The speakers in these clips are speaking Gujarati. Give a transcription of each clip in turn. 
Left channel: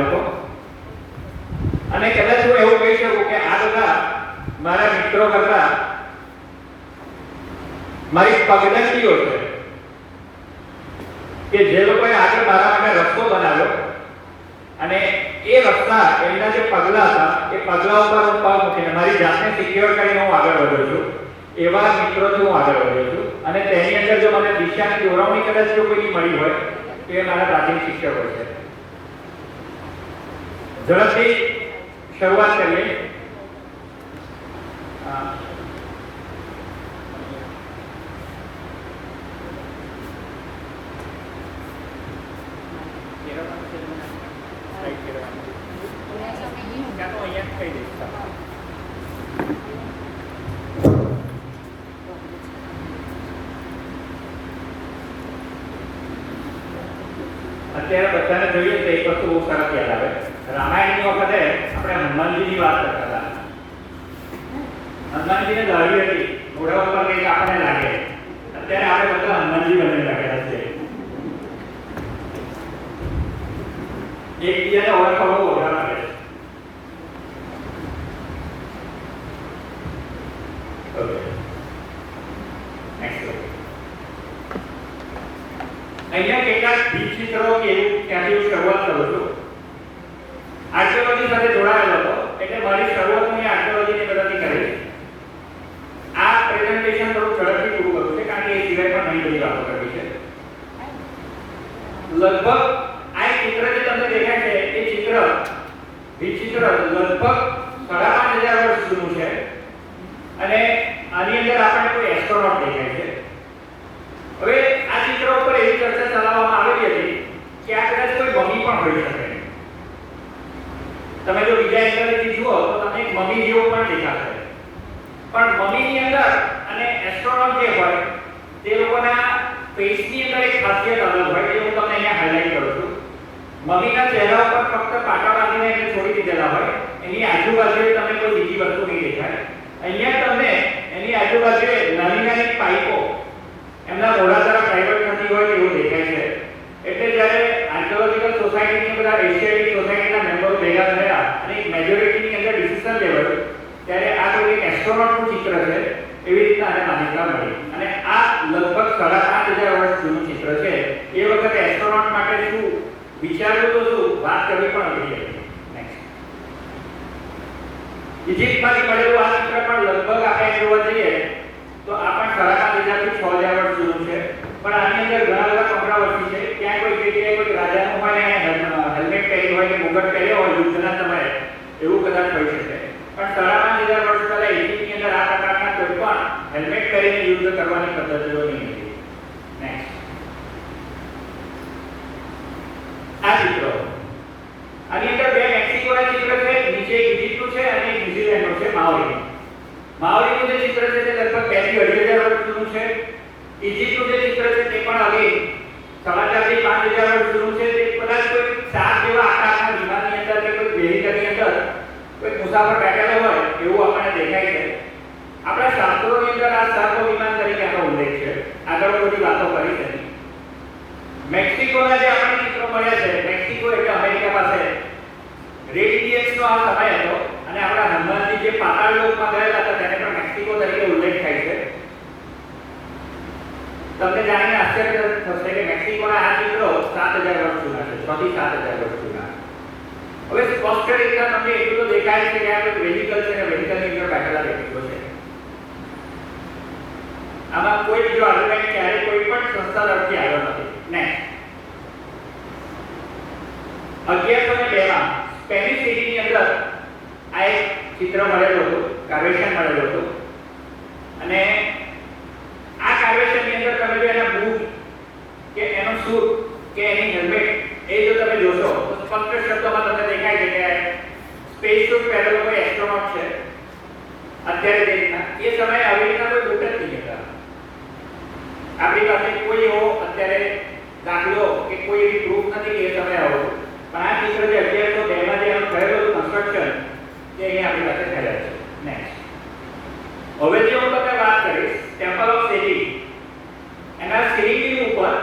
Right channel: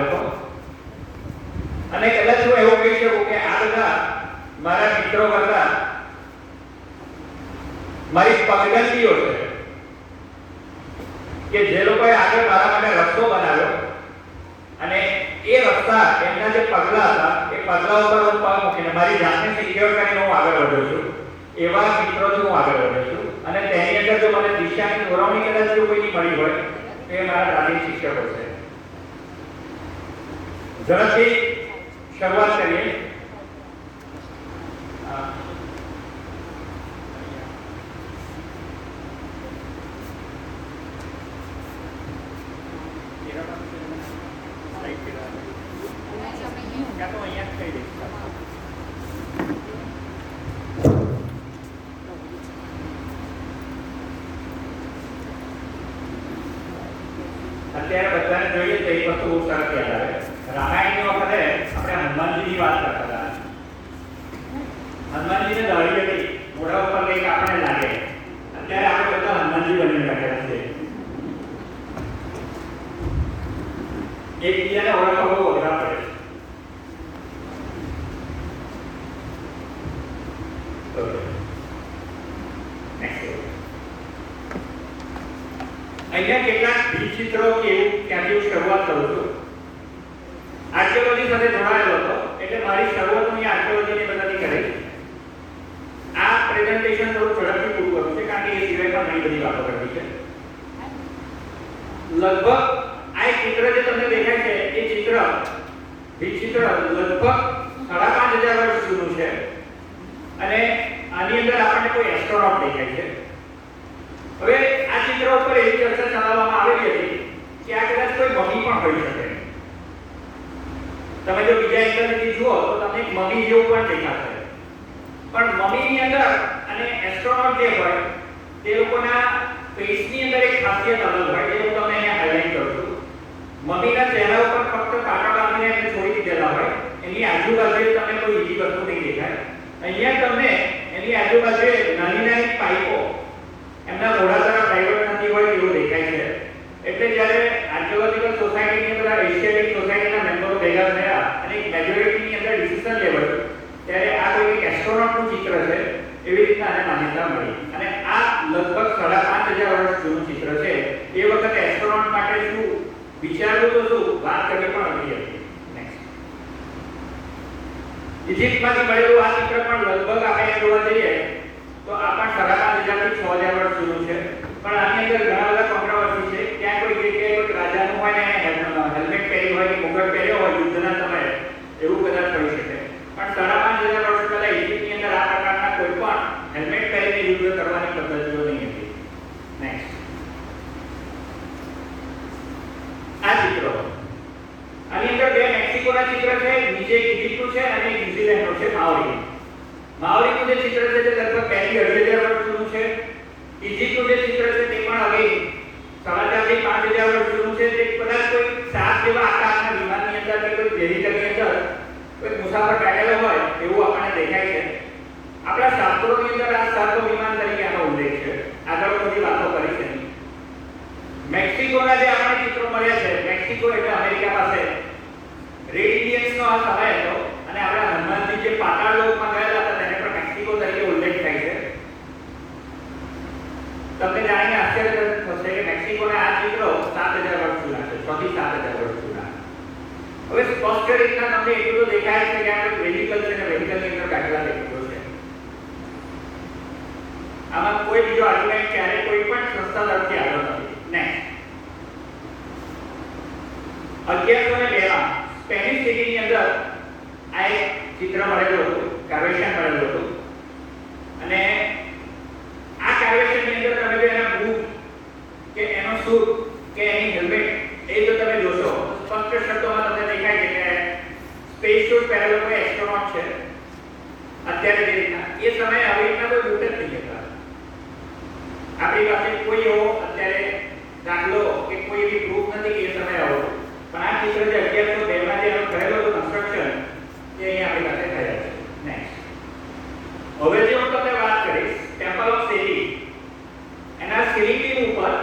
આવેલો હતો અને કદાચ હું એવું કહી શકું કે આ બધા મારા મિત્રો કરતા મારી પગદંડીઓ છે કે જે લોકોએ આગળ મારા માટે રસ્તો બનાવ્યો અને એ રસ્તા એમના જે પગલા હતા એ પગલા ઉપર હું પગ મૂકીને મારી જાતને સિક્યોર કરીને હું આગળ વધ્યો છું. એવા મિત્રોથી હું આગળ વધ્યો છું અને તેની અંદર જો મને દિશાની દોરવણી કદાચ જો કોઈની મળી હોય તો એ મારા પ્રાથમિક શિક્ષકો છે. ઝડપથી શરૂઆત કરીએ. અત્યારે બધાને જોઈએ તો એક વસ્તુ બહુ સરસ યાદ આવે. રામાયણની વખતે આપણે હનુમાનજીની વાત કરતા હતા. હનુમાનજીને દાઢી હતી, ઘોડા ઉપર કંઈક આપણને લાગે. અત્યારે આપણે બધા હનુમાનજી બનીને લાગેલા છે. એકબીજાને ઓળખવા બહુ અઘરા પડે છે. અહીંયા કેટલાક ચિત્રો કે એવું ત્યાંથી શરૂઆત કરું છું. આર્કિયોલોજી સાથે જોડાયેલો હતો એટલે મારી શરૂઆત હું આર્કિયોલોજીની મદદથી કરીશ. આ પ્રેઝન્ટેશન થોડું ઝડપથી પૂરું કરું છે કારણ કે એ સિવાય પણ ઘણી બધી વાતો કરવી છે. લગભગ આ એક ચિત્ર જે તમને દેખાય છે એ ચિત્ર લગભગ 5,500 વર્ષ જૂનું છે અને આની અંદર આપણને કોઈ એસ્ટ્રોનોટ દેખાય છે. હવે આ ચિત્ર ઉપર એવી ચર્ચા ચલાવવામાં આવેલી હતી કે આ કદાચ કોઈ મમી પણ હોઈ શકે. તમે જો બીજા એંગલથી જુઓ તો તમને એક મમી જેવું પણ દેખાશે. પણ મમીની અંદર અને એસ્ટ્રોનોટ જે હોય તે લોકોના ફેસની અંદર એક ખાસિયત અલગ હોય જે હું તમને અહીંયા હાઇલાઇટ કરું છું. મમીના ચહેરા ઉપર ફક્ત કાંટા બાંધીને એને છોડી દીધેલા હોય. એની આજુબાજુએ તમને કોઈ બીજી વસ્તુ નહીં દેખાય. અહીંયા તમને એની આજુબાજુએ નાની નાની પાઇપો એમના મોઢા તરફ ડાયવર્ટ થતી હોય એવું દેખાય છે. એટલે જ્યારે આર્કિયોલોજીકલ સોસાયટીની બધા એશિયાટિક સોસાયટીના મેમ્બરો ભેગા થયા અને એક મેજોરિટીની અંદર ડિસિઝન લેવાયું ત્યારે આ કોઈ એક એસ્ટ્રોનોટનું ચિત્ર છે એવી રીતના આને માન્યતા મળી. અને આ લગભગ 5,500 વર્ષ જૂનું ચિત્ર છે. એ વખતે એસ્ટ્રોનોટ માટે શું વિચારવું તો શું વાત કરવી પણ અઘરી હતી. નેક્સ્ટ ઇજિપ્તમાંથી મળેલું આ ચિત્ર પણ લગભગ આપણે જોવા જઈએ તો આ પણ 5,500 થી 6,000 વર્ષ જૂનું છે. પણ આની અંદર ઘણા બધા કોન્ટ્રાવર્સી છે. ક્યાં કોઈ જગ્યાએ કોઈ રાજાનું હોય ને હેલ્મેટ પહેર્યું હોય કે મુગટ પહેર્યો હોય યુદ્ધના સમયે એવું કદાચ હોઈ શકે. પણ 5,500 વર્ષ પહેલા ઇજિપ્તની અંદર આ પ્રકારના કોઈ પણ હેલ્મેટ પહેરીને યુદ્ધ કરવાની પદ્ધતિઓ નહીં હતી. નેક્સ્ટ આ ચિત્રો આની અંદર બે મેક્સિકોના ચિત્ર છે. નીચે એક ઇજિપ્તનું છે અને એક ન્યુઝીલેન્ડનું છે. માઓરીનું જે ચિત્ર છે તે લગભગ 2,000 થી 2,500 વર્ષ જૂનું છે. ઇજિપ્તનું જે ચિત્ર છે તે પણ હવે 4,500 થી 5,000 વર્ષ જૂનું છે. તે કદાચ કોઈ સાપ જેવા આકારના વિમાનની અંદર કે કોઈ વેહિકલની અંદર કોઈ મુસાફર બેઠેલો હોય એવું આપણને દેખાય છે. આપણા શાસ્ત્રોની અંદર આ સર્પ વિમાન તરીકે આનો ઉલ્લેખ છે. આગળ બધી વાતો કરી છે. મેક્સિકોના જે આપણને ચિત્રો મળ્યા છે, મેક્સિકો એટલે અમેરિકા પાસે રેડ ઇન્ડિયન્સનો આ સમય હતો અને આપણા હનુમાનજી જે પાતાળ લોકમાં ગયેલા હતા તેને પણ મેક્સિકો તરીકે ઉલ્લેખ થાય છે. તમને જાણીને આશ્ચર્ય થશે કે મેક્સિકોના આ ચિત્રો 7,000 વર્ષ જૂના છે. 6 થી 7,000 વર્ષ જૂના. હવે સ્પષ્ટ રીતના તમને એટલું તો દેખાય છે કે આ કોઈ વેહિકલ છે કે વેહિકલની અંદર બેઠેલા વ્યક્તિઓ છે. આમાં કોઈ બીજો આર્ગ્યુમેન્ટ ક્યારે કોઈ પણ સંસ્થા તરફથી આવ્યો નથી. નેક્સ્ટ 1102 માં સ્પેનિશ સિટીની અંદર આ એક ચિત્ર મળેલું હતું, કાર્વેશન મળેલું હતું અને આ કાર્વેશનની અંદર તમે જો એના બૂટ કે એનો સૂટ કે એની હેલ્મેટ એ જો તમે જોશો તો સ્પષ્ટ શબ્દોમાં તમને દેખાય છે કે સ્પેસ સૂટ પહેરેલો કોઈ એસ્ટ્રોનોટ છે. અત્યારે જે રીતના એ સમયે આવી રીતના કોઈ બૂટ જ નહીં હતા. આપણી પાસે કોઈ એવો અત્યારે દાખલો કે કોઈ એવી પ્રૂફ નથી કે એ સમયે આવો. પણ આ ચિત્ર જે 1102 માં જે થયેલું કન્સ્ટ્રક્શન કે અહીં આપણી પાસે થયેલા છે. નેક્સ્ટ હવે જે હું તમને વાત કરીશ ટેમ્પલ ઓફ સેલિંગ એના સીલિંગની ઉપર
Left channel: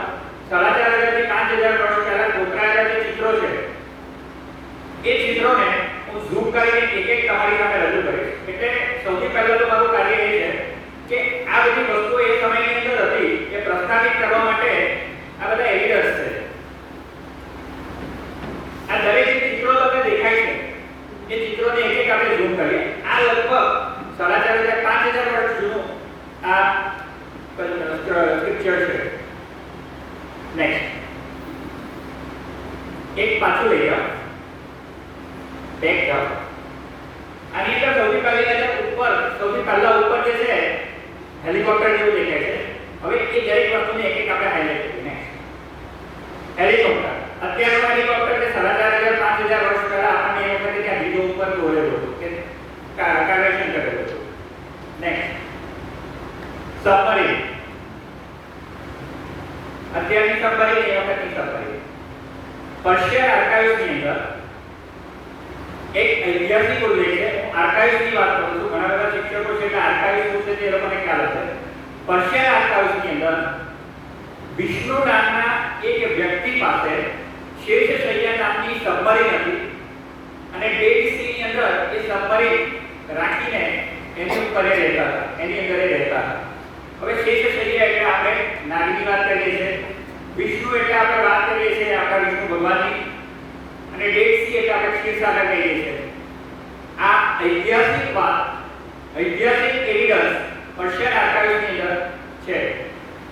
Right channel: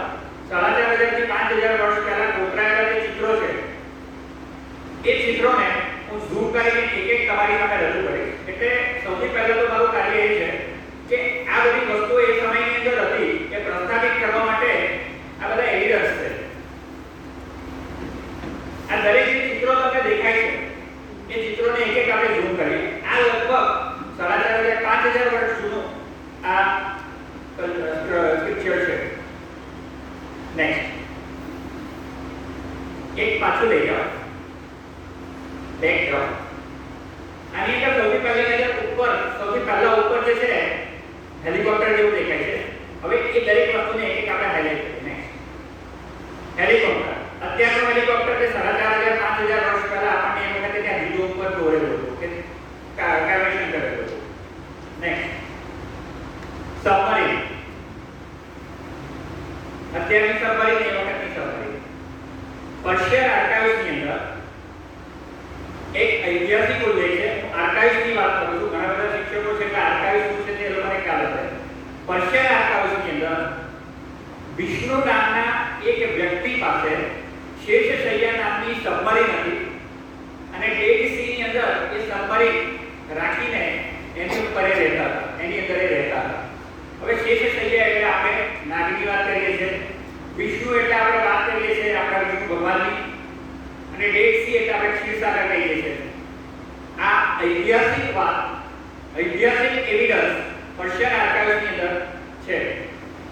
4,500 એ ચિત્રોને હું ઝૂમ કરીને એક એક તમારી સામે રજૂ કરીશ. એટલે સૌથી પહેલા તો મારું કાર્ય એ છે કે આ બધી વસ્તુઓ એ સમયની અંદર હતી કે પ્રસ્થાપિત કરવા માટે આ બધા એવિડન્સ છે. આ દરેક ચિત્રો તમને દેખાય છે એ ચિત્રોને એક એક આપણે ઝૂમ કરીએ. આ લગભગ 4,500 વર્ષ જૂનું આ પિક્ચર છે. નેક્સ્ટ એક પાછું લઈ જાઓ, બેક જાઓ. આની અંદર સૌથી પહેલા ઉપર જે છે હેલિકોપ્ટર જેવું દેખાય છે. હવે એ દરેક વસ્તુને એક એક આપણે હાઇલાઇટ કરીએ. હેલિકોપ્ટર અત્યારનું હેલિકોપ્ટર કે 4,500 વર્ષ પહેલા આપણે એ વખતે ત્યાં બીજો ઉપર દોરેલું હતું કે કન્વર્શન કરેલું હતું. Next submarine. અત્યારની સબમરીન એ વખતની સબમરીન. પર્શિયન આર્કાઇવ્સની અંદર એક ઐતિહાસિક ઉલ્લેખ છે. હું આર્કાઇવ્સની વાત કરું છું. ઘણા બધા શિક્ષકો છે કે આર્કાઇવ્સ શું છે તે લોકોને ખ્યાલ હશે. પર્શિયન આર્કાઇવ્સની અંદર વિષ્ણુ નામના એક વ્યક્તિ પાસે શેષશૈયા નામની સબમરીન હતી અને ડેડ સીની અંદર એ સબમરીન રાખીને એની ઉપર રહેતા હતા, એની અંદર રહેતા હતા. હવે શેષશૈયા એટલે આપણે નાગની વાત કરીએ છીએ, વિષ્ણુ એટલે આપણે વાત કરીએ છીએ આપણા વિષ્ણુ ભગવાનની, અને ડેડ સી એટલે આપણે ક્ષીરસાગર કહીએ છીએ. આ ઐતિહાસિક વાત, ઐતિહાસિક એવિડન્સ પર્શિયન આર્કાઇવ્સની અંદર છે.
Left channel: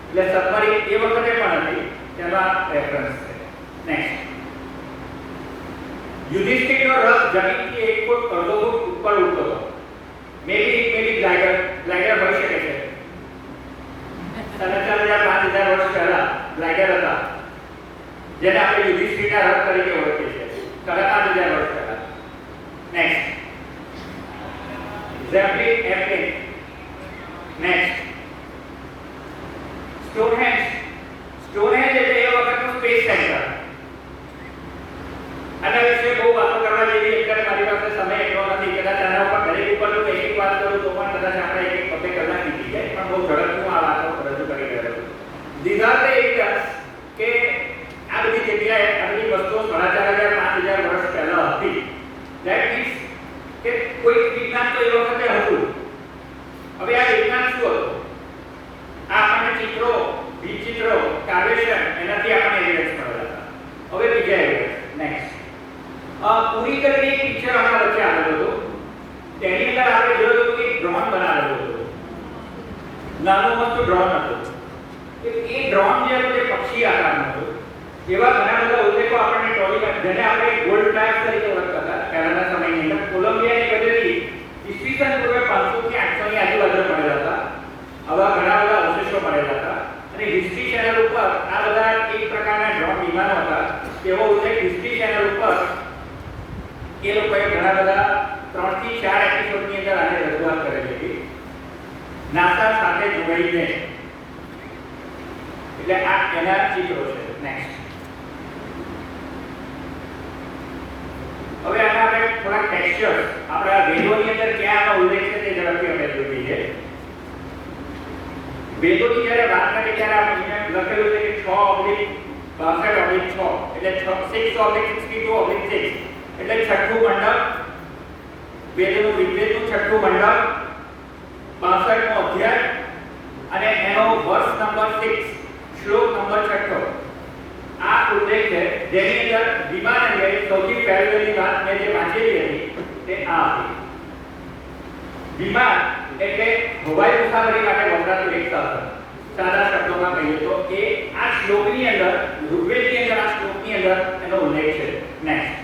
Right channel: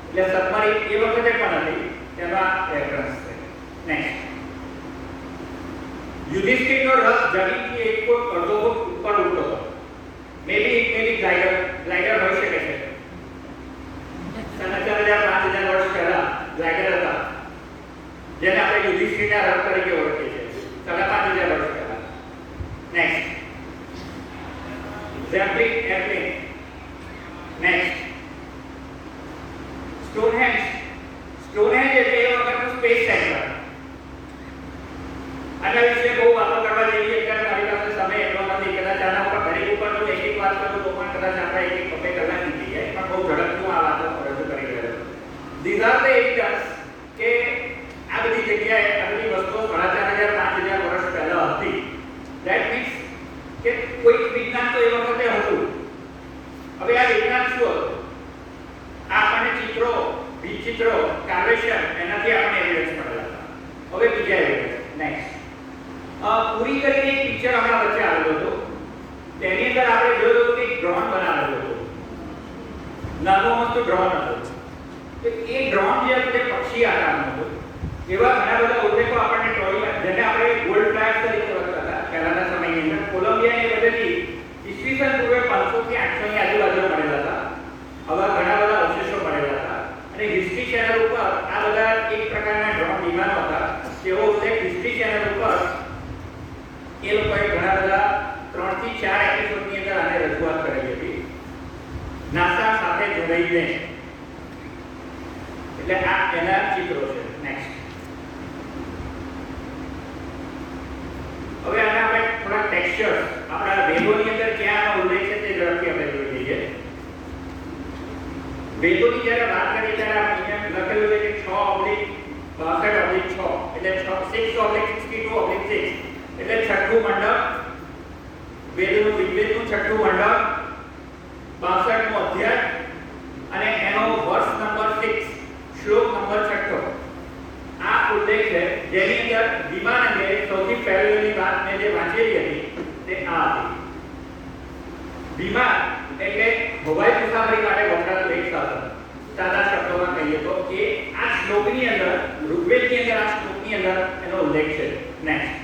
એટલે સબમરીન એ વખતે પણ હતી, તેમાં રેફરન્સ છે. નેક્સ્ટ યુધિષ્ઠિરનો રથ જમીનથી એક ફૂટ અડધો ફૂટ ઉપર ઉડતો હતો. મેબી ગ્લાઇડર હોઈ શકે છે. 4,500 વર્ષ પહેલા ગ્લાઇડર હતા જેને આપણે યુધિષ્ઠિરના રથ તરીકે ઓળખીએ છીએ. 5,500 વર્ષ પહેલા. Next Zeppelin airplane. Next Stonehenge. Stonehenge એટલે એ વખતનું સ્પેસ સેન્ટર. આના વિશે બહુ વાતો કરવા જેવી અત્યારે મારી પાસે સમય એટલો નથી. કદાચ આના ઉપર દરેક ઉપર જો એક વાત કરું તો પણ કદાચ આપણે એક કલાક નીકળી જાય, પણ બહુ ઝડપથી આ વાતો રજૂ કરી રહ્યો છું. These are the evidence કે આ બધી જગ્યાએ આ બધી વસ્તુઓ 4,500 વર્ષ પહેલા હતી. That means કે કોઈ વિજ્ઞાન તો એ વખતે હતું. હવે આ વિજ્ઞાન શું હતું? આ આપણને ચિત્રો, વિચિત્રો, કાર્વેશન એનાથી આપણને એવિડન્સ મળેલા હતા. હવે બીજા એવિડન્સ. નેક્સ્ટ પૂરી કરીને એક પિક્ચર આપણા વચ્ચે આવેલું હતું. તેની અંદર આપણે જોયું કે ડ્રોન બનાવેલું હતું. નાનું મસ્તું ડ્રોન હતું. તો એ ડ્રોન જે હતું એ પક્ષી આકારનું હતું. એવા ઘણા બધા ઉલ્લેખો આપણને ટોલીમાં, જેને આપણે ગોલ્ડ ફ્લેગ તરીકે ઓળખતા હતા પહેલાના સમયની અંદર, કોલંબિયાની બધેથી ઈસવીસન પૂર્વે 500 થી 800 ની આજુબાજુ મળેલા હતા. આવા ઘણા બધા અવશેષો મળેલા હતા. અને હિસ્ટ્રી ચેનલ ઉપર આ બધા એક પ્રકારના ડ્રોન વિમાનો હતા. તેવો ઉલ્લેખ હિસ્ટ્રી ચેનલ ઉપર એ લોકોએ ઘણા બધા 3 થી 4 એપિસોડની અંદર આને રજૂઆત કરેલી હતી નાસા સાથે જોડાઈને. એટલે આ એના ચિત્રો છે. નેક્સ્ટ હવે આના આપણે થોડા ટેક્સચર્સ આપણા વેદોની અંદર ક્યાં ઉલ્લેખ છે તે ઝડપથી આપણે જોઈએ. વેદોની જ્યારે વાત કરીએ ત્યારે આપણે લખેલું છે કે 6/62/6 એટલે 6/62/6 એટલે છઠ્ઠું મંડપ, વેદનું ઋગ્વેદનું છઠ્ઠું મંડપ, 62મો અધ્યાય અને એનો વર્સ નંબર 6, શ્લોક નંબર 6. આ ઉલ્લેખ છે જેની અંદર વિમાન અંગે સૌથી પહેલી વાત મેં જે વાંચેલી હતી તે આ હતી. વિમાન એટલે હવાઈ મુસાફરી માટે વપરાતું એક સાધન. સાદા શબ્દોમાં કહીએ તો એ આ શ્લોકની અંદર, ઋગ્વેદની અંદર આ શ્લોકની અંદર એનો ઉલ્લેખ છે. નેક્સ્ટ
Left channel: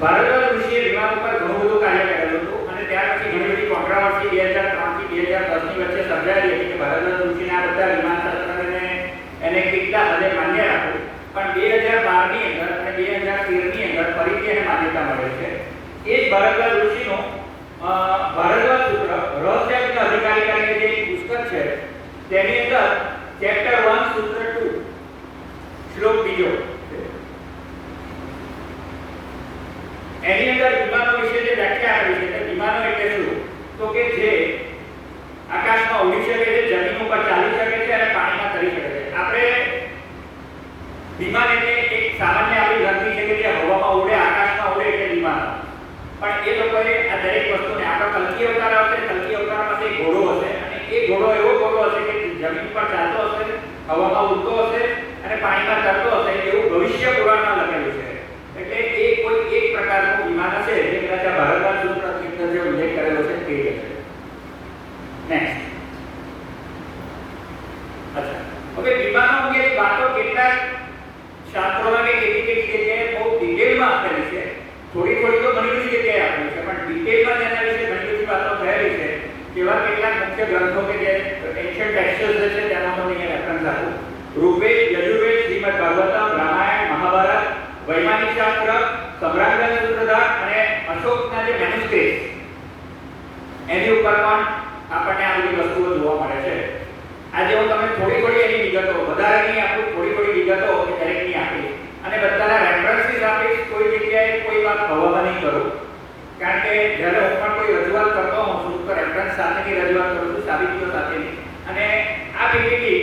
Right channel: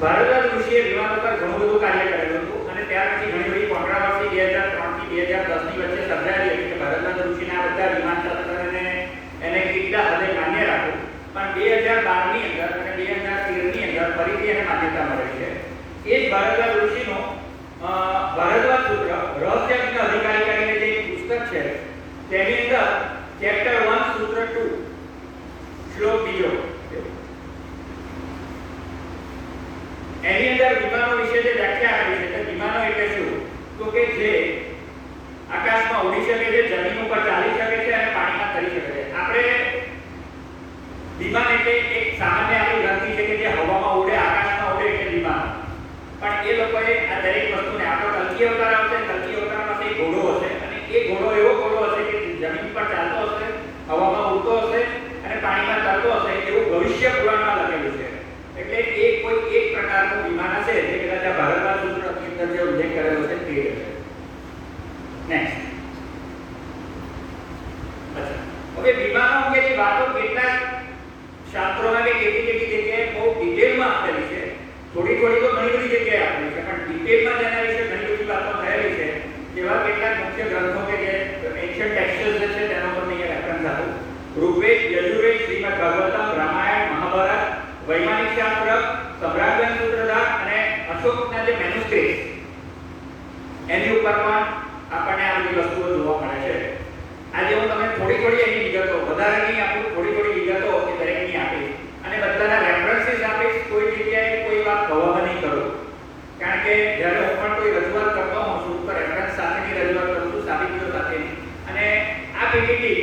ભારદ્વાજ ઋષિએ વિમાન ઉપર ઘણું બધું કાર્ય કરેલું હતું અને ત્યાર પછી ઘણી બધી કોન્ટ્રાવર્સી 2003 થી 2010 ની વચ્ચે સર્જાયેલી હતી કે ભારદ્વાજ ઋષિના આ બધા વિમાન શાસ્ત્રને એને કેટલા હદે માન્ય રાખ્યું. પણ 2012 ની અંદર અને 2013 ની અંદર ફરીથી એને માન્યતા મળે છે. એ જ ભારદ્વાજ ઋષિનો ભારદ્વાજ સૂત્ર રહસ્યજ્ઞ અધિકારી કરીને જે એક પુસ્તક છે તેની અંદર ચેપ્ટર 1 સૂત્ર 2 શ્લોક 2 એની અંદર વિમાનો વિશે જે વ્યાખ્યા આપી છે. વિમાનો એટલે શું? તો કે જે આકાશમાં ઉડી શકે છે, જમીન ઉપર ચાલી શકે છે અને પાણીમાં તરી શકે છે. આપણે વિમાન એટલે એક સામાન્ય આપણી ગણતરી છે કે વૈમાનિક શાસ્ત્ર, સમ્રાટગંજ સૂત્રધાર અને અશોકના જે મેન્યુસ્ક્રિપ્ટ એની ઉપર પણ આપણને આ બધી વસ્તુઓ જોવા મળે છે. આજે હું તમને થોડી એની વિગતો, વધારેની આપું, થોડી વિગતો એ દરેકની આપી અને બધાના રેફરન્સીસ આપીશ. કોઈ જગ્યાએ કોઈ વાત કવર નહીં કરું, કારણ કે જ્યારે હું પણ કોઈ રજૂઆત કરતો હોઉં છું તો રેફરન્સ સાથેની રજૂઆત કરું છું, સાબિતીઓ સાથેની. અને આ પીપીટી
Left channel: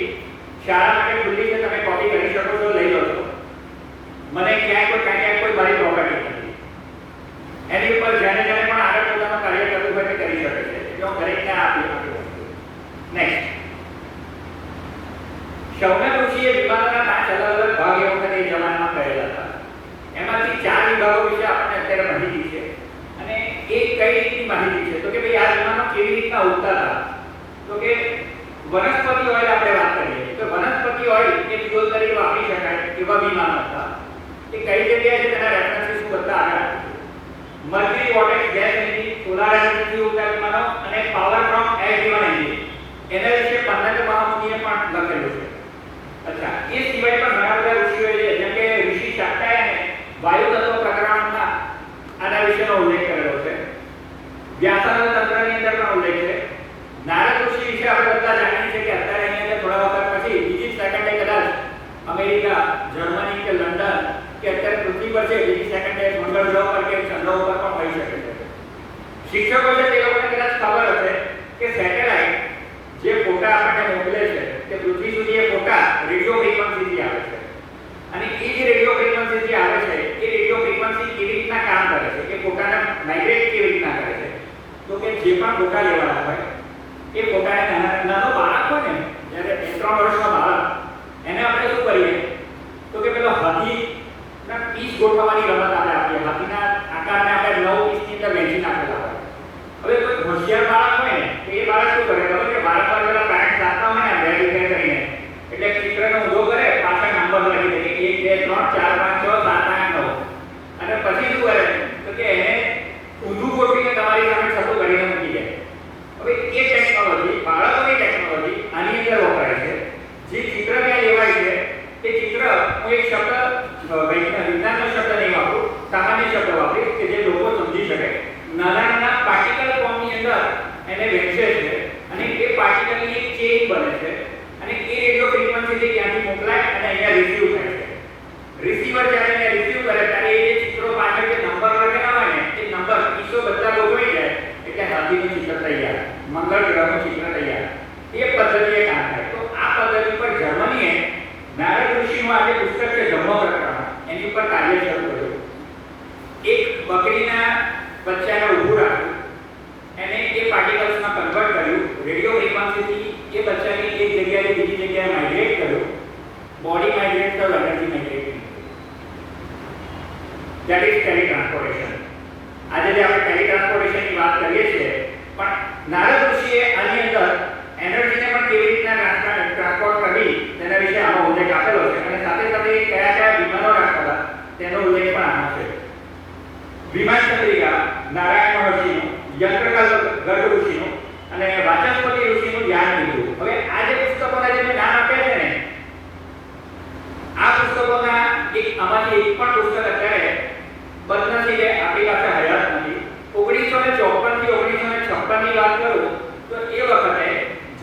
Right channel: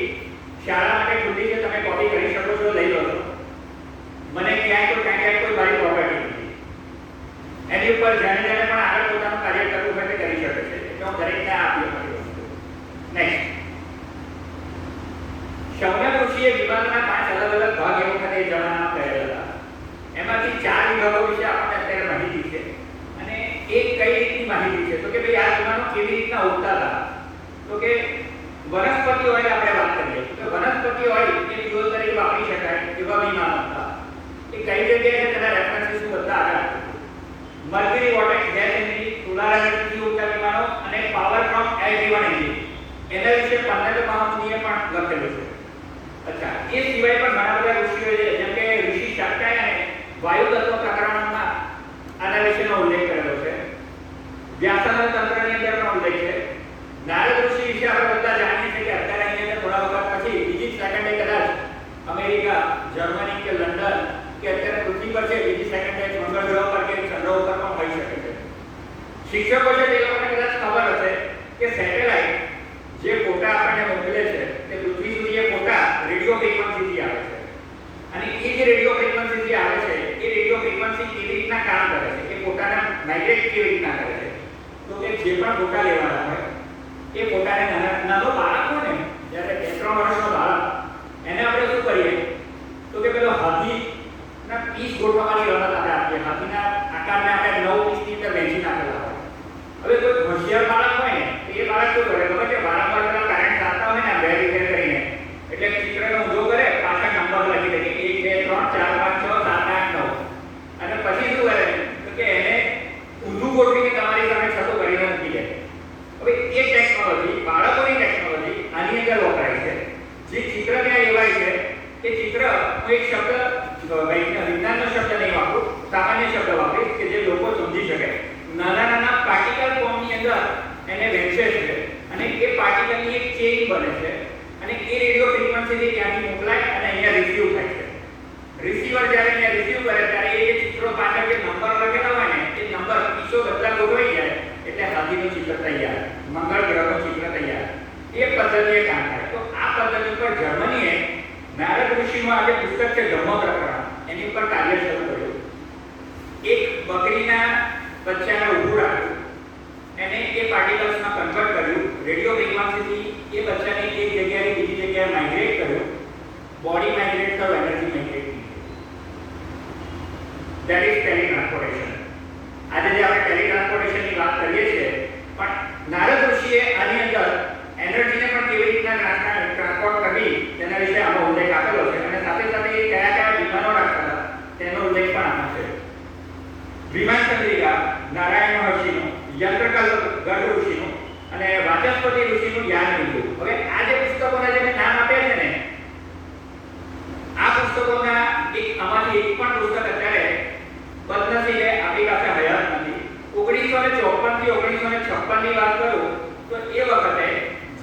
શાળા માટે ખુલ્લી છે, તમે કોપી કરી શકો છો, લઈ લો છો. મને ક્યાંય કોઈ મારી પ્રોપર્ટી નથી. એની ઉપર જેને પણ આગળ પોતાનું કાર્ય કરવું હોય તે કરી શકે છે. એટલે હું દરેકને આપી શકું. નેક્સ્ટ, શૌનક ઋષિએ વિમાનના 5 અલગ અલગ ભાગ એ વખતે એ જમાનામાં કરેલા હતા. એમાંથી 4 વિભાગો વિશે આપણને અત્યારે માહિતી છે અને એક કઈ રીતની માહિતી છે તો કે ભાઈ આ વિમાનો કેવી રીતના ઉડતા હતા. તો કે વનસ્પતિ ઓઇલ આપણે વાત કરીએ તો વનસ્પતિ ઓઇલ એ ફ્યુઅલ તરીકે વાપરી શકાય એવા વિમાનો હતા. એ કઈ જગ્યાએ છે તેના રેફરન્સીસ બધા આગળ. Mercury vortex gas engine, solar energy ઉડતા વિમાનો અને power from air driven engine, એના વિશે 15 મહામુનિએ પણ લખેલું છે. અચ્છા, એ સિવાય પણ ઘણા બધા ઋષિઓએ છે, જેમ કે ઋષિ શાક્તાયને વાયુ તત્વ પ્રકરણમાં આના વિશેનો ઉલ્લેખ કરેલો છે. વ્યાસાનંદ તંત્રની અંદર પણ ઉલ્લેખ છે. નારદ ઋષિ વિશે આપણે બધા જાણીએ છીએ કે અત્યારે અહીં અંદર થોડા વખત પછી બીજી સેકન્ડે કદાચ અમેરિકા, જર્મની કે લંડન કે અત્યારે પૃથ્વી પર છે, બીજી સેકન્ડે મંગળ ગ્રહ પર કે ચંદ્ર ઉપર પણ થઈ શકે છે. શિક્ષકો છે તે લોકોને કદાચ ખબર હશે કે સેટેલાઇટ જે ફોટા આપણને મોકલે છે તે પૃથ્વી સુધી એ ફોટા રેડિયો ફ્રીક્વન્સીથી આવે છે. અને એ જે રેડિયો ફ્રીક્વન્સીથી આવે છે એ રેડિયો ફ્રીક્વન્સી કેવી રીતના કામ કરે છે, કે ફોટાને માઇગ્રેટ કેવી રીતના કરે છે. તો કે જે પણ ફોટા લેવાના હોય એ ફોટાને નાનો બાળક હોય ને, જ્યારે 2-3 વર્ષનો બાળક, એને આપણે શું કરીએ તો કે પેલો હાથીના પીસ ગોઠવવાની રમત આપણે આપીએ. હાથીના આકારને આપણે 9 પીસની અંદર વહેંચી નાખેલા હોય. હવે કોઈ હોશિયાર બાળક હોય ને તો એ બાળક શું કરે ખબર કે વારંવાર પેલા પેરેન્ટ્સ આપતા હોય ને બે રીતે કરીને, એટલે ચિત્રનો ઊંધો કરે, પાછળ નંબર લખી દે કે 1 2 3 4 5 6 7 8 9 અને પછી શું કરે તો કે એને ઊંધું ગોઠવીને તમારી સામે છતો કરીને મૂકી દે. હવે એ ટેકનોલોજી, બાળકોની ટેકનોલોજી આની અંદર વપરાય છે. જે ચિત્ર ત્યાં લેવાય છે એ ચિત્ર, હું એક શબ્દ વિજ્ઞાનનો શબ્દ નહીં વાપરું, સામાન્ય શબ્દ વાપરીશ કે જે લોકો સમજી શકે. નાના પાર્ટિકલ ફોર્મની અંદર એને વહેંચે છે અને એ પાર્ટિકલની એક ચેઇન બને છે અને એ રેડિયો ફ્રીક્વન્સીથી ત્યાંથી મોકલાય અને અહીંયા રિસીવ થાય છે. રિસીવર જ્યારે અહીંયા રિસીવ કરે ત્યારે એ ચિત્રો પાછળ જે નંબર લખેલા હોય ને એ નંબર પીસો બધા ગોઠવાઈ જાય એટલે હાથીનું ચિત્ર તૈયાર, મંગળ ગ્રહનું ચિત્ર તૈયાર. એ પદ્ધતિએ કામ થાય. તો આ પદ્ધતિ પર જર્મનીએ નારદ ઋષિનું આ જે પુસ્તક છે ધમ્મ પ્રકરણ, એની ઉપર કાર્ય શરૂ કર્યું. એક બકરીના બચ્ચાને ઊભું રાખ્યું, એને એ પાર્ટિકલ્સમાં કન્વર્ટ કર્યું, રેડિયો ફ્રીક્વન્સીથી એ બચ્ચાને એક જગ્યાએ બીજી જગ્યાએ માઇગ્રેટ કર્યું. બોડી માઇગ્રેટ થયો, એનર્જી માઇગ્રેટ થઈ. That is teletransportation. આજે જે આપણે ટેલિટ્રાન્સપોર્ટેશનની વાત કરીએ છીએ, પણ નારદ ઋષિએ આની અંદર એનર્જીને પણ કેવી રીતના ટ્રાન્સપોર્ટ કરવી તેના વિશે આનો ઉલ્લેખ આપેલો છે અને સાથે સાથે કયા વિમાનો રાખતા તેનો ઉલ્લેખ પણ આમાં છે. વિમાન ચંદ્રિકા નારાયણ મહર્ષિનું, યંત્રકલ ગર્ગ ઋષિનું અને વાચસ્પતિ ઋષિનું જ્ઞાન બિંદુ. હવે આ જે પુસ્તકોના જે મેં નામ આપ્યા છે ને, આ પુસ્તકોના આમાંથી એક પણ પુસ્તક અત્યારે બદનસીબે આપણી પાસે હયાત નથી. 1954 થી 1956 ની વાત કરું તો એ વખતે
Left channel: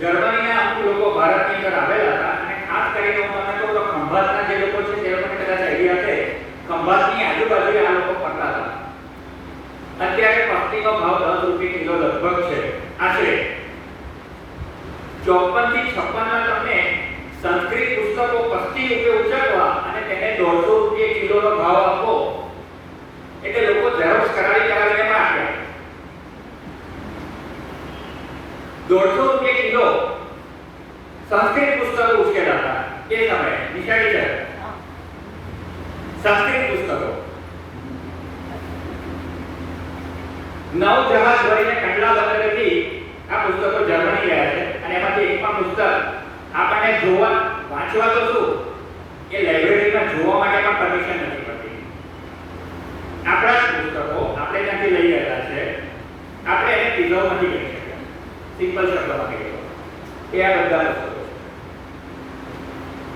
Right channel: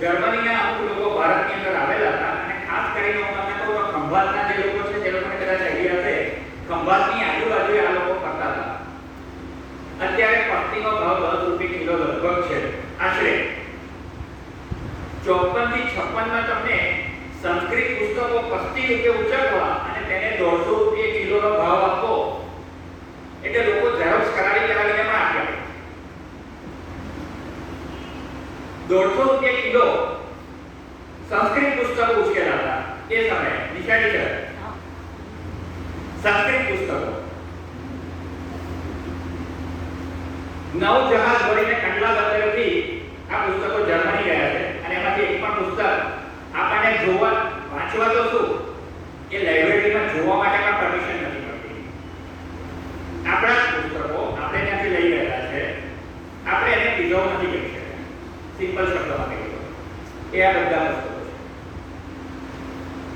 જર્મનીના અમુક લોકો ભારતની અંદર આવેલા હતા અને ખાસ કરીને હું તમને કહું તો ખંભાતના જે લોકો છે તે લોકોને કદાચ આઈડિયા છે, ખંભાતની આજુબાજુ આ લોકો ફરતા હતા. અત્યારે પસ્તીનો ભાવ 10 રૂપિયા કિલો લગભગ છે આશરે. 54 થી 56 માં તમને સંસ્કૃત પુસ્તકો પસ્તી રૂપિયા ઉચકવા અને તેને 150 રૂપિયા કિલોનો ભાવ આપવો એટલે લોકો ઝેરોક્સ કરાવીને પણ આપ્યા. 150 રૂપિયા કિલો સંસ્કૃત પુસ્તકો ઉચકેલા હતા એ સમયે. નિશાળી છે સંસ્કૃત પુસ્તકો. 9 જહાજ ભરીને કંડલા બંદરેથી આ પુસ્તકો જર્મની ગયા છે અને એમાંથી એક પણ પુસ્તક આપણને જોવા, વાંચવા તો શું, એ લાઇબ્રેરીમાં જોવા માટે પણ પરમિશન નથી મળતી. આપણા પુસ્તકો આપણે ત્યાંથી લઈ ગયા છે, આપણે એને પ્રિઝર્વ નથી કરી શકતા. સિમ્પલ શબ્દમાં કહીએ એ આ બધા પુસ્તકો છે.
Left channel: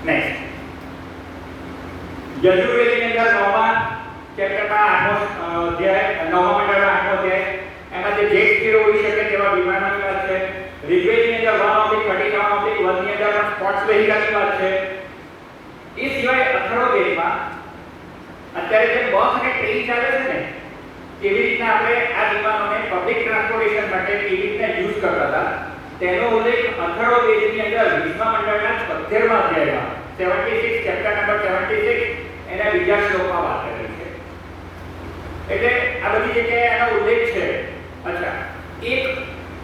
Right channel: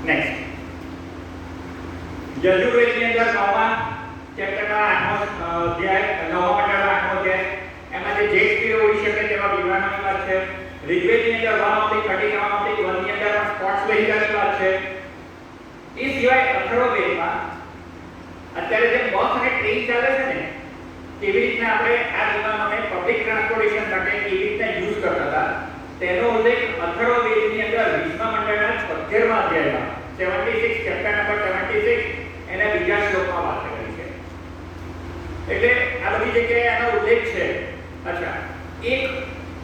નેક્સ્ટ, યજુર્વેદની અંદર 9મા અમેરિકાની વાત છે. એ સિવાય અથર્વવેદમાં અત્યારે જે બસ અને ટ્રેન ચાલે છે ને, કેવી રીતના આપણે આ વિમાનોને પબ્લિક ટ્રાન્સપોર્ટેશન માટે કેવી રીતના યુઝ કરતા હતા તેનો ઉલ્લેખ અથર્વવેદની અંદર વિશ્વ મંડળના 76મા અધ્યાયમાં 76 ચેપ્ટર નંબર 76 એના બીજા શ્લોકમાં વાત કરેલી છે. એટલે આ બધી જગ્યાએ આનો ઉલ્લેખ છે. અચ્છા, એક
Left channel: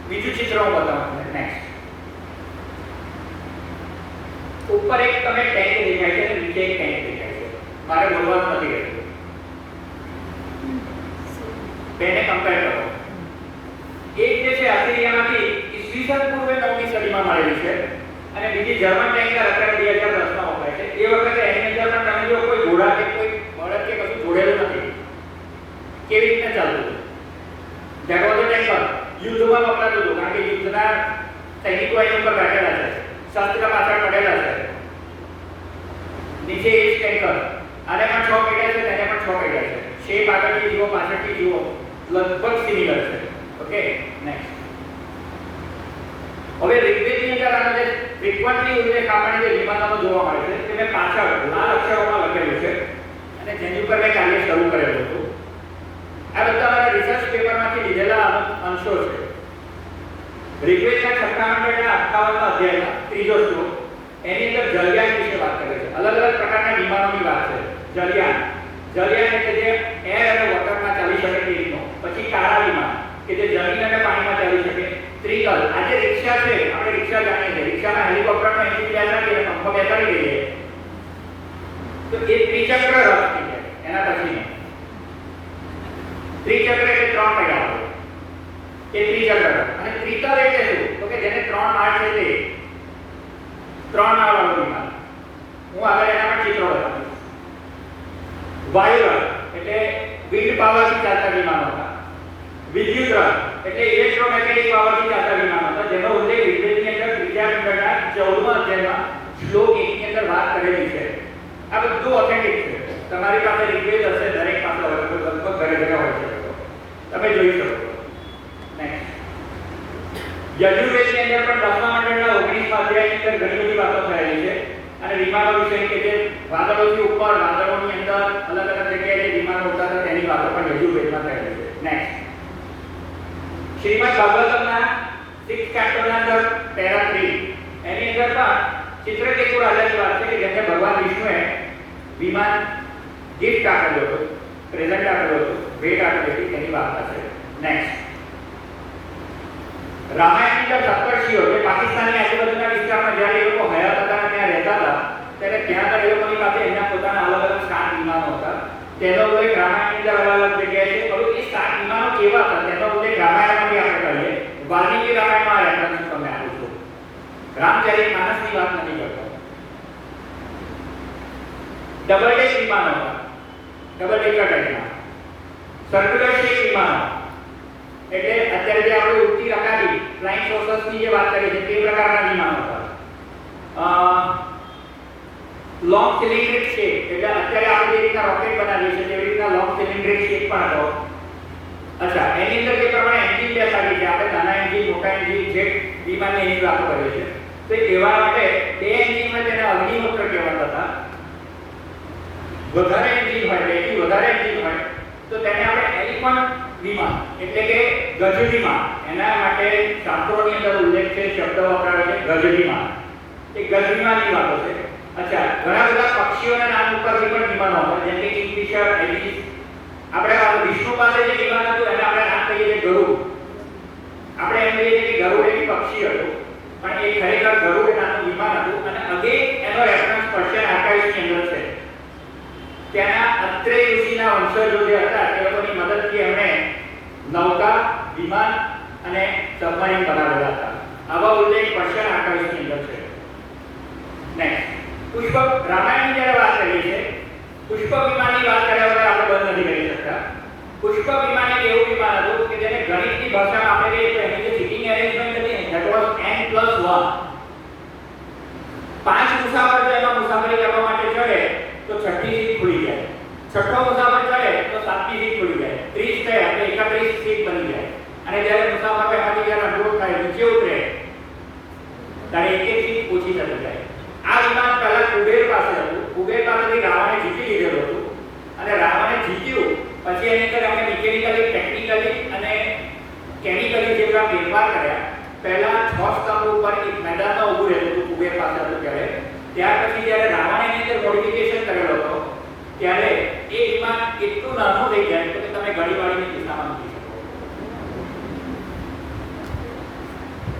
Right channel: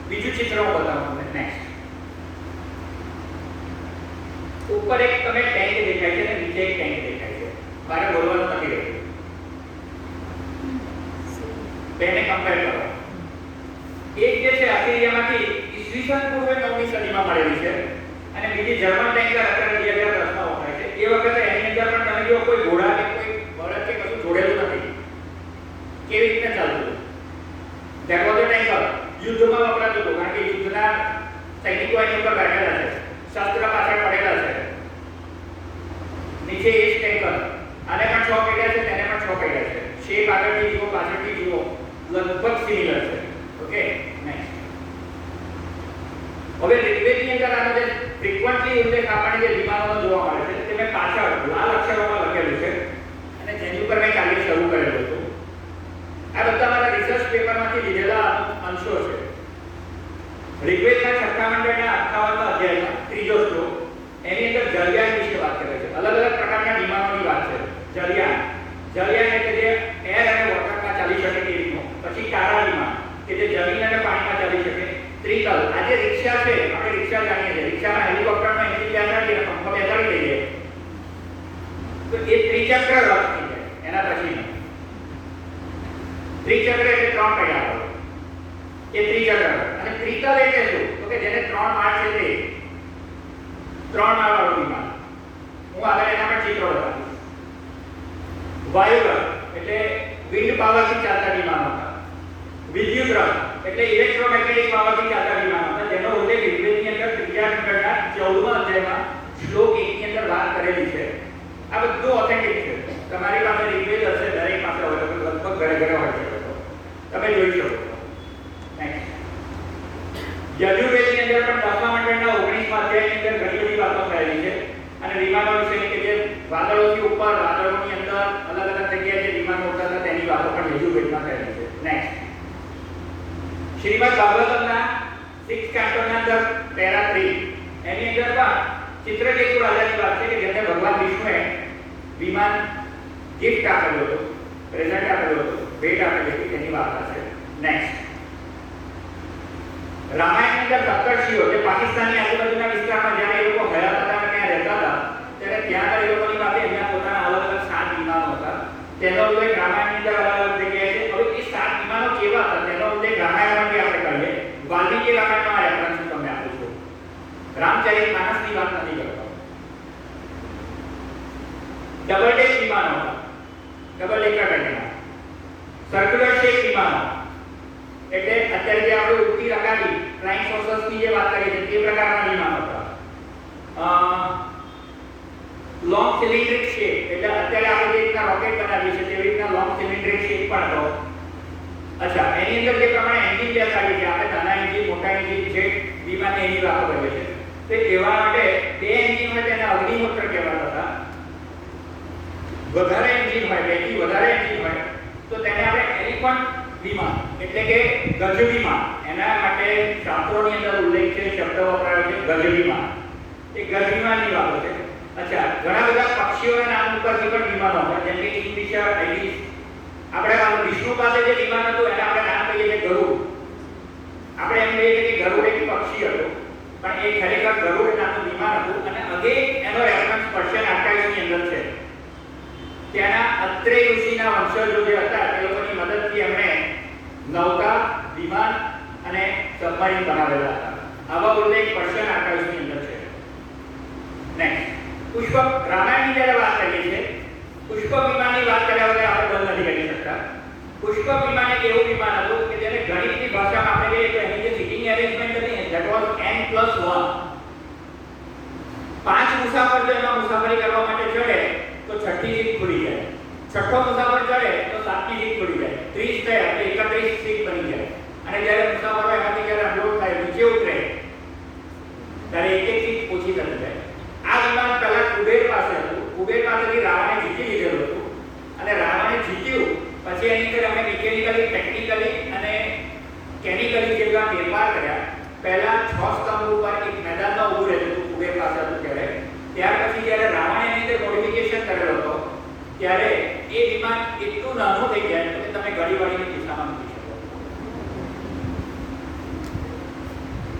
બીજું ચિત્ર હું બતાવું તમને. નેક્સ્ટ, ઉપર એક તમે ટેન્ક દેખાય છે અને નીચે એક ટેન્ક દેખાય છે. મારે બોલવાનું નથી રહેતું. બેને કમ્પેર કરો. એક જે છે આસ્ટ્રેલિયામાંથી ઈસવીસન પૂર્વે 9મી સદીમાં મળેલી છે અને બીજી જર્મન ટેન્કર અત્યારે 2010માં વપરાય છે. એ વખતે એની અંદર પણ તમે જો કોઈ ઘોડા કે કોઈ બળદ કે કશું જોડેલું નથી. કેવી રીતે ચાલતું? That was a tanker. યુદ્ધમાં વપરાતું હતું કારણ કે યુદ્ધના સૈનિકો એની ઉપર બેઠેલા છે, શસ્ત્ર પાછળ પડેલા છે. નીચે એ જ ટેન્કર. આને પણ 6 પૈડા છે, તેને પણ 6 પૈડા છે. શેપ આગળથી જુઓ, પાછળથી જુઓ, લગભગ સિમિલર છે. Okay, next. હવે ઋગ્વેદની અંદર આનો જે ફ્રીક્વન્ટલી ઉલ્લેખ આપણને જે વિમાનોનો જોવા મળે છે તે મેં પાછળ લાલ અક્ષરોમાં લખેલું છે અને જેની ઉપર મેં કાલે શરૂ કરેલું હતું. આ બધા મારા રિસર્ચ પેપરમાંથી લીધેલા અંશો છે. ઋગ્વેદના 6મા મંડળના 58મા અધ્યાયમાં ત્રીજો શ્લોક એની અંદર જળયાન વિશે વાત કરે છે. અલગ અલગ પ્રકારના વિમાનોની વાત છે. જળયાન એટલે જે એર અને વોટરમાં ચાલી શકે તે રીતનું. પછી તારા વિમાન કે જે જમીન અને પાણીમાં ચાલી શકે. ત્રિકલ, આજે રિક્ષા છે, આપણે રિક્ષા જાણીએ છીએ. રિક્ષામાં હેલિકોપ્ટરનો એન્જિન બેસાડીએ અને પંપ બેસાડી દઈએ તો એ ત્રિચક્ર રથ થઈ જાય. એના પછી ત્રિચક્ર એટલે 3 પૈડા વાળો, એ ત્રિચક્ર રથ. અને ત્રિકલ એટલે શું? તો કે જેને 3 માળ છે તે 3 માળ વાળું વિમાન. હું આગળ એના પર ચિત્રો બતાવીશ. વાયુ રથ એટલે વિન્ડ પાવરથી ચાલતા વિમાનો હતા. વિદ્યુત રથ એટલે ઇલેક્ટ્રોમેગ્નેટિક પાવરથી ચાલતા વિમાનો હતા, જેનો ઉલ્લેખ ઋગ્વેદની અંદર 3જા ખંડના 14મા અધ્યાયમાં શ્લોક 1 ની અંદર વાત કરેલી છે. આ બધું ઓથેન્ટિક છે. તમારી પાસે ઋગ્વેદ હશે, દરેક પાસે હોય, લગભગ ઘરે ઘરે હોય છે. તમે જોઈ શકો. નેક્સ્ટ, યજુર્વેદની અંદર પણ 10મા મંડળના 19મા અધ્યાયની અંદર ઘણી બધી વાતો થયેલી છે અને વિમાનો વિશે કે જે વાદળોથી ઉપર, વાદળોની અંદર અલગ અલગ જગ્યાએ જે વિમાનો ઉડતા હતા તેની વાતો પણ યજુર્વેદમાં થયેલી છે. નેક્સ્ટ, શ્રીમદ ભાગવતમના 6th ચેપ્ટરના અંદર પેરા 3 એની અંદર પણ ચિત્રકેતુ રાજાની વાત છે કે જેમને ભગવાન વિષ્ણુએ વિમાન ગિફ્ટ આપેલો હતો, પ્રેઝન્ટ આપેલો હતો, ભેટ આપેલી હતી, તેની વાર્તા છે. નેક્સ્ટ, રામાયણની અંદર સપ્તર્ષિઓ જે પાકિસ્તાનની આજુબાજુના વિસ્તારમાં જ્યારે એ લોકો હયાત હતા અને ત્યાં રહેતા હતા ત્યારે ત્યાં આગળ એ લોકોની પાસે એમના પોતાના અલગ અલગ 7 વિમાનો હતા. તેનો ઉલ્લેખ રામાયણની અંદર અલગ અલગ જગ્યાએ છે. હવે એ 7 વિમાનો કેવા હતા તેનો ઉલ્લેખ રામાયણમાં આપણે કરીએ. વાલ્મીકી રામાયણમાં રેફરન્સ તમને આપું છું. રામચરિતમાનસની વાત નથી કરતો. ડબલ ડેક વિમાનો હતા, ડબલ ડેકર ટાઈપના. સર્ક્યુલર શેપ વિમાનો એટલે અત્યારે જે આપણે ઉડતી રકાબી ફ્લાઇંગ સોસર્સની જે વાત કરી છે તે પ્રકારના વિમાનો હતા. લોંગ સિલિન્ડ્રિક શેપ એટલે અત્યારે આપણે જે રીતના રોકેટ બનાવીએ છીએ તેવી રીતના લોંગ સિલિન્ડ્રિક શેપ પણ હતો. અચ્છા, એની અંદર જે પ્રમાણે એન્જિન બેસાડી છે, આપણે નાના એન્જિન, મોટા એન્જિન, જેટ વિમાનની એની વાતો કરીએ છીએ. તો એવા માટે બે એન્જિનમાં તેને અગ્નિહોત્ર કહેવાતા હતા. વધારે એન્જિન હોય, બેથી વધારે એન્જિન હોય તો તેને આપણે એલિફન્ટ વિમાન એટલે કે ગજ વિમાન, એના માટે શાસ્ત્રોની અંદર ઉલ્લેખ છે, શબ્દ વપરાયો છે ગજ વિમાન. એ ગજ વિમાનની વાતો છે. અચ્છા, ઘણા બધા પક્ષીઓના નામ ઉપરથી પણ વિમાનો હોય, જેમ કે કિંગફિશર, આઇરિસ. આપણે વિષ્ણુ પાસે જે વિમાન હતું એને આપણે નામ કહીએ છીએ ગરુડ. આપણે એમ કહીએ છીએ કે ગરુડ એક પક્ષી હતું પણ એ ખરેખર ગરુડ નામનું વિમાન હતું અને અગે એનો રેફરન્સ પર્શિયન આર્કાઇવ્સની અંદર છે. ત્યાંના અત્રે ઋષિના વંશજો જે હતા તે લોકોની મદદથી એમણે નૌકા, વિમાન અને સબમરીન બનાવેલા હતા. આવા ઉલ્લેખ પર્શિયન આર્કાઇવ્સની અંદર છે. નેક્સ્ટ, પુષ્પક રામાયણની જ્યારે વાત કરીએ છીએ, પુષ્પક વિમાનની વાત કર્યા વગર આપણે બંધ નથી કરી શકતા. પુષ્પક વિમાન એક એવું વિમાન હતું કે જેને ગણિતની ભાષામાં આપણે કહીએ તો એની જે સીટિંગ એરેન્જમેન્ટ હતી ધેટ વોઝ n+1. 5 મુસાફર જો એમાં મુસાફરી કરવા માટે ચડે તો 6ઠી સીટ ખુલી જાય. 6ઠ્ઠો મુસાફર ચડે તો 7મી સીટ ખુલી જાય. 30 થાય એટલે 31 સીટ બની જાય. અને જ્યારે મુસાફરો એમાંથી જ્યારે અનલોડ થાય નીચે ઉતરે ત્યારે એક એક સીટ ઓછી થતી જાય. આ જીત્યું પછી એની અંદર અમે મિકેનિકલી, ટેકનિકલી અને કેમિકલી જેવા ફેરફાર કર્યા. પહેલા 6 સ્તંભ ઉપર એક મેદાનમાં ઊભું રહેતું હતું કુબેર પાસે હતું ત્યારે. ત્યાર પછી જ્યારે રાવણે એની અંદર મોડિફિકેશન કરેલો હતો ત્યારે એ વિમાન એટલું નાનું થઈ જાય કે તમે ગળીવાળીની દિશામાં મૂકી શકો.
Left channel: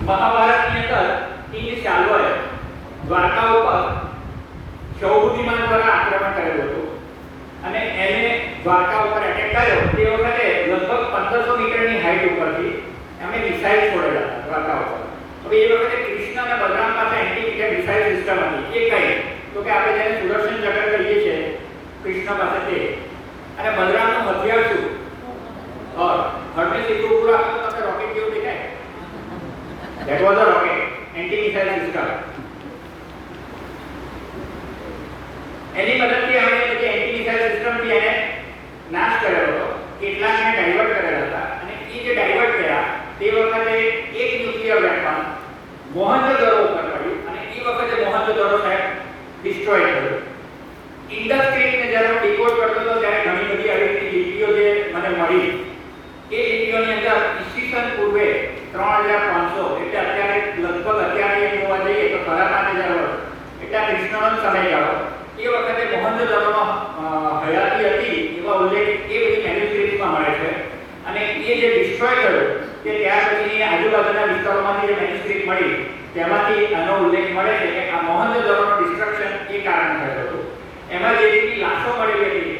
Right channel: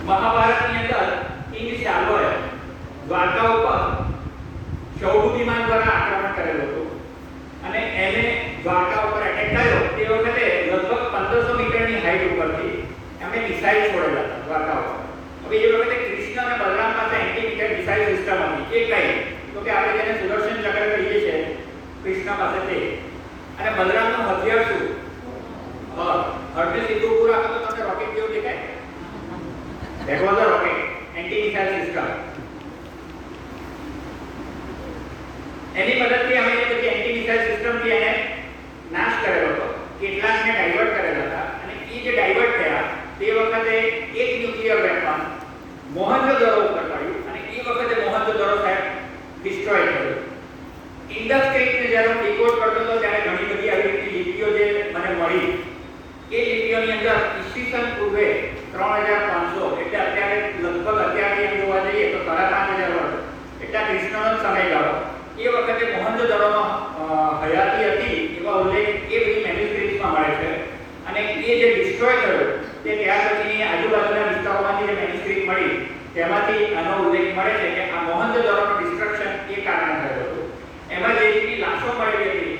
મહાભારતની અંદર કિંગ શાલ્વએ દ્વારકા ઉપર શૌભ વિમાન દ્વારા આક્રમણ કરેલું હતું અને એને દ્વારકા ઉપર એટેક થયો. તે વખતે લગભગ 1500 મીટરની હાઈટ ઉપરથી એમણે મિસાઇલ છોડેલા હતા દ્વારકા ઉપર. હવે એ વખતે કૃષ્ણ અને બલરામ પાસે એન્ટી મિસાઇલ સિસ્ટમ હતી. એ કઈ તો કે આપણે જેને સુદર્શન ચક્ર કહીએ છીએ કૃષ્ણ પાસે તે, અને બલરામનું હથિયાર શું? હરને સીધું ઉભું રાખો તો તમને રોકેટ જેવું દેખાય. That was a rocket, anti-missile system. એની મદદથી અમે બધી એન્ટી-મિસાઇલ સિસ્ટમથી એને નાશ કરેલો હતો. કેટલાકને ડાયવર્ટ કરેલા હતા અને એ જે ડાયવર્ટ થયા તે વખતે એક ન્યુક્લિયર વેપન મોહનજોદડો ઉપર પડ્યું અને એ વખતે મોહનજોદડો સાહેબ ડિસ્ટ્રોય થયો. ઇન્ડસ સ્ક્રિપ્ટને જ્યારે હું ડિકોડ કરતો હતો ત્યારે ઘણી બધી આવી રીતની લિપિઓ જે મને મળી એ લિપિઓની અંદર ઈસવીસન પૂર્વે 3500 એટલે અત્યારે લગભગ અત્યારે એમ જોવા જઈએ તો 5000 વર્ષ એટલે કૃષ્ણનો સમયગાળો. એ વખતે મોહનજોદડોમાં હયાતી હતી એવા ઉલ્લેખ એ બધી મેન્યુસ્ક્રિપ્ટમાં મળે છે અને એ જે ડિસ્ટ્રોય થયો તે ત્યાર પછીની આજુબાજુના વિસ્તારોમાંથી જે મેન્યુસ્ક્રિપ્ટ મળી તેમાંથી આનો ઉલ્લેખ મળે છે કે આ મોહનજોદડોનો ડિસ્ટ્રક્શન એ કારણે થયું હતું. એમાં જે રીતની લાશો મળેલી હતી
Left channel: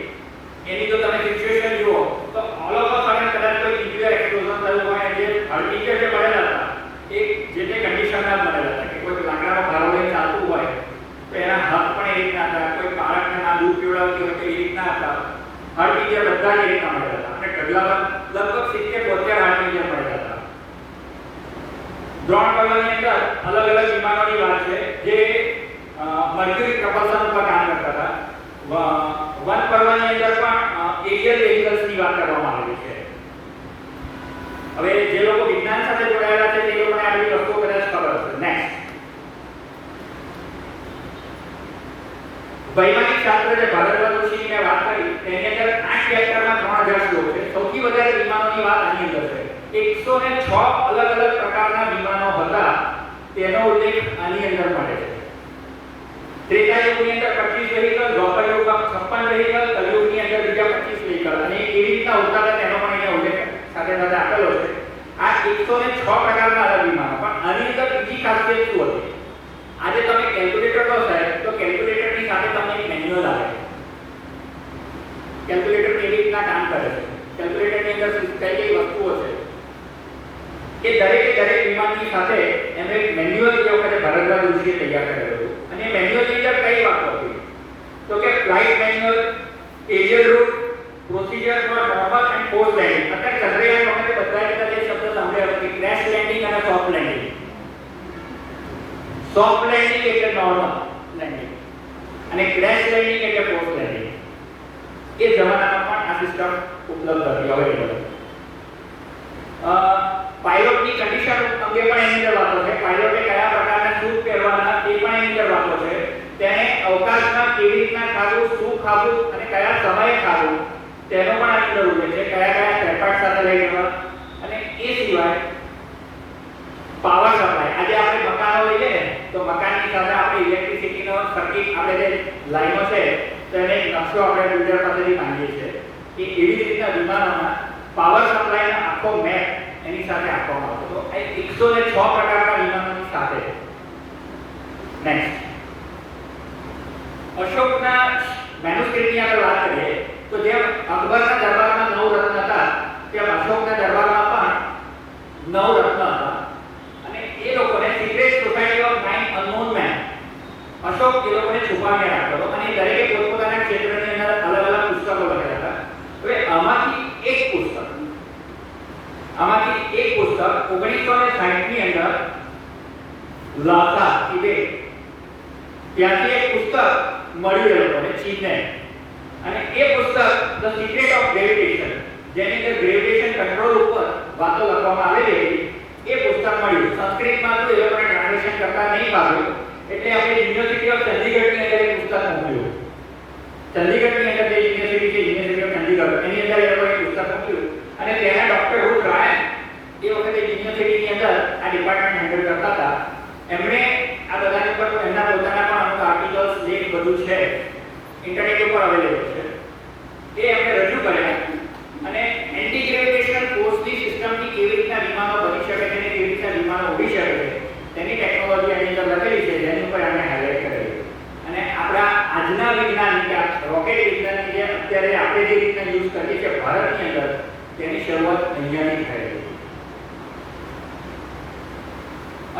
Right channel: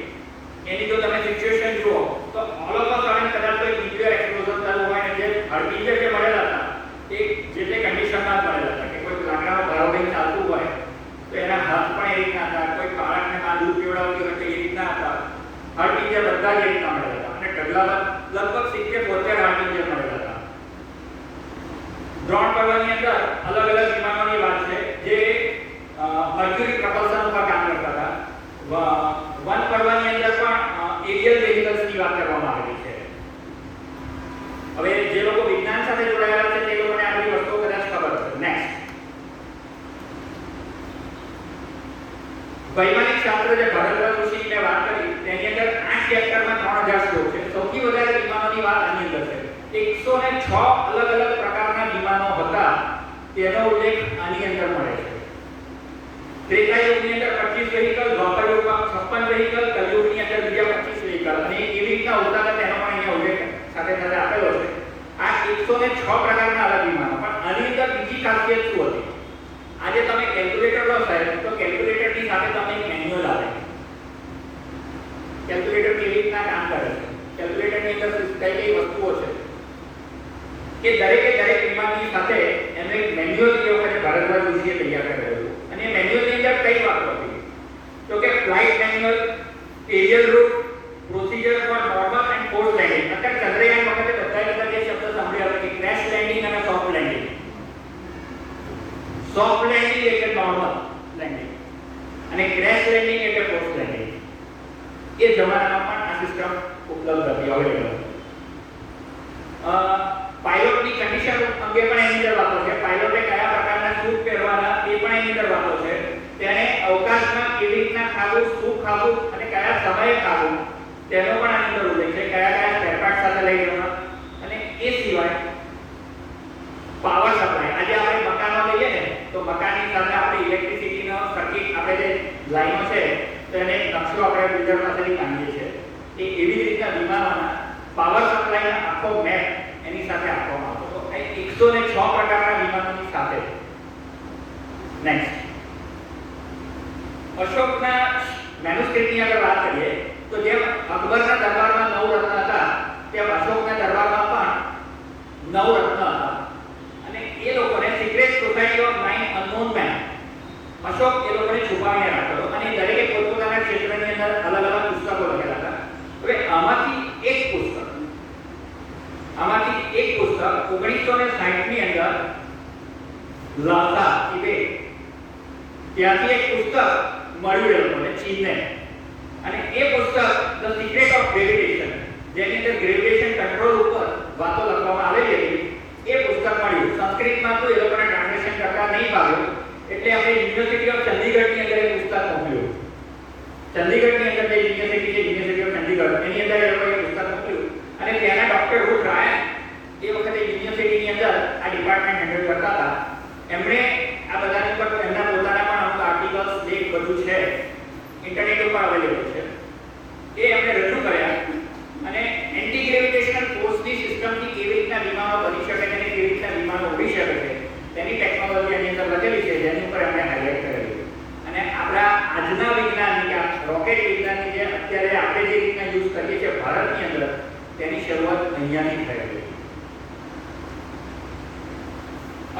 એની જો તમે સિચ્યુએશન જુઓ તો ઓલ ઓફ અ સડન કદાચ કોઈ ન્યુક્લિયર એક્સપ્લોઝન થયું હોય અને જે હળટીજર જે મળેલા હતા એ જે તે કન્ડિશનમાં જ મળેલા હતા કે કોઈ લાકડાનો ભારો લઈને ચાલતું હોય તો એના હાથ પણ એ રીતના હતા, કોઈ બાળકને ના દૂધ પીવડાવતી હોય તો એ રીતના હતા. હળટીજર બધા જ એ રીતના મળેલા હતા અને ઢગલામાં લગભગ 70-72 હળટીજર મળેલા હતા. દ્રોણ પર્વની અંદર અલગ અલગ વિમાનોની વાત છે જે મર્ક્યુરી પ્રપલ્શન ઉપર કામ કરતા હતા. વન પર્વની અંદર પણ એરિયલ વેહિકલ્સની વાત કરવામાં આવી છે. હવે જે લોકો વિજ્ઞાન સાથે જોડાયેલા છે તે લોકોને આ બધી વસ્તુઓ કદાચ ખબર હશે. નેક્સ્ટ વૈમાનિક શાસ્ત્ર જે ભારદ્વાજ ઋષિની મેં વાત કરી તેની અંદર 8 ચેપ્ટરમાં 3000 શ્લોક છે. સૌથી વધારે વિમાનોની વાત આની અંદર છે. 106 અલગ અલગ પ્રકારના વિમાનો હતા તેનો ઉલ્લેખ આની અંદર મળે છે. ત્રેતા યુગની અંદર 25 વ્હીકલ, દ્વાપર યુગમાં 56 વ્હીકલ, કલયુગની અંદર બીજા 25 વ્હીકલ અને કેવી રીતના ઉતારે તેનો પણ અહીંયા ઉલ્લેખ સાથે સાથે આપેલો છે. આ 106 પ્રકારના અલગ વિમાનો. પણ આની અંદર બીજી ખાસિયત શું હતી? આજે તમે કેલ્ક્યુલેટર લો સાહેબ તો કેલ્ક્યુલેટરની સાથે તમને એક મેન્યુઅલ આવે. કેલ્ક્યુલેટર કેવી રીતના કામ કરે છે, કેલ્ક્યુલેટરની અંદર કઈ કઈ વસ્તુઓ છે કે દરેક વિમાનની સાથે એનો એક મેન્યુઅલ જે વખતે ભારદ્વાજ ઋષિએ તૈયાર કરેલું હતું. અને મેન્યુઅલની અંદર કઈ વાતો હતી તો કે flight manual, aerial route, procedure for normal and force landing. અત્યારે ચંદ્રયાન વખતે બધાએ કદાચ એ શબ્દ સાંભળ્યા હતા કે ક્રેશ લેન્ડિંગ અને સોફ્ટ લેન્ડિંગ. સોફ્ટ લેન્ડિંગ એટલે નોર્મલ લેન્ડિંગ અને ક્રેશ લેન્ડિંગ એટલે ફોર્સ લેન્ડિંગ. એ જમાનામાં પણ આ સિસ્ટમ ઉપલબ્ધ હતી, અવેલેબલ. પાયલોટની કન્ડિશન અંગે પણ એની અંદર વાતો છે. પાયલોટે કયા પ્રકારના સૂટ પહેરવાના એ પણ એની અંદર વાતો છે. તેને અવકાશમાં કેવી રીતના ખાવું, શું ખાવું અને કયા સમયે ખાવું તેનો પણ આની અંદર ઉલ્લેખ છે. કયા સ્પેરપાર્ટ સાથે લઈ જવા અને એ સિવાય પાવર સપ્લાય. આજે આપણે મકાનો લઈએ ને તો મકાનની સાથે આપણે ઇલેક્ટ્રિસિટીનો સર્કિટ આપણે જે લાઈનો છે તેને નકશો આપણે બિલ્ડર પાસેથી માંગીએ છીએ. એ એવી રીતના વિમાનોના પાવર સપ્લાયનો આખો મેપ એની સાથે આપવામાં આવતો. તો આ 106 પ્રકારના વિમાનોની સાથે. નેક્સ્ટ અશોકના મેન્યુસ્ક્રિપ્ટની આગળ વાત કરીએ તો જેમ અકબરના દરબારમાં 9 રત્ન હતા તેમ અશોકના દરબારમાં પણ 9 રત્ન હતા અને એ લોકોને secret society of 9 unknown men Ashok એ લોકોને છુપાવીને રાખતો હતો અને દરેકે પોતપોતાના ક્ષેત્રની અંદર અલગ અલગ પુસ્તકો લખ્યા હતા. હવે આમાંથી એક પુસ્તક 1960 ની અંદર લાસા તિબેટ ત્યાંથી એક પુસ્તક મળી રહ્યું અને ચીનને અને એ પુસ્તક ધ સિક્રેટ ઓફ ગ્રેવિટેશન જેની અંદર ગ્રેવિટેશન કંટ્રોલ ઉપર વાતો લખવામાં આવેલી હતી એ પુસ્તક મળ્યું. સંસ્કૃતમાં તો એ લોકોને ટ્રાન્સલેશન કરતા નહીં પામ્યું એટલે આપણે યુનિવર્સિટી ઓફ ચંદીગઢની અંદર એ પુસ્તક મોકલ્યું. ચંદીગઢની અંદર જે યુનિવર્સિટી છે યુનિવર્સિટી ઓફ ચંદીગઢ રીતના યુઝ કરીએ છીએ ભારતની અંદર, તેની શરૂઆત અહીંયાથી થયેલી.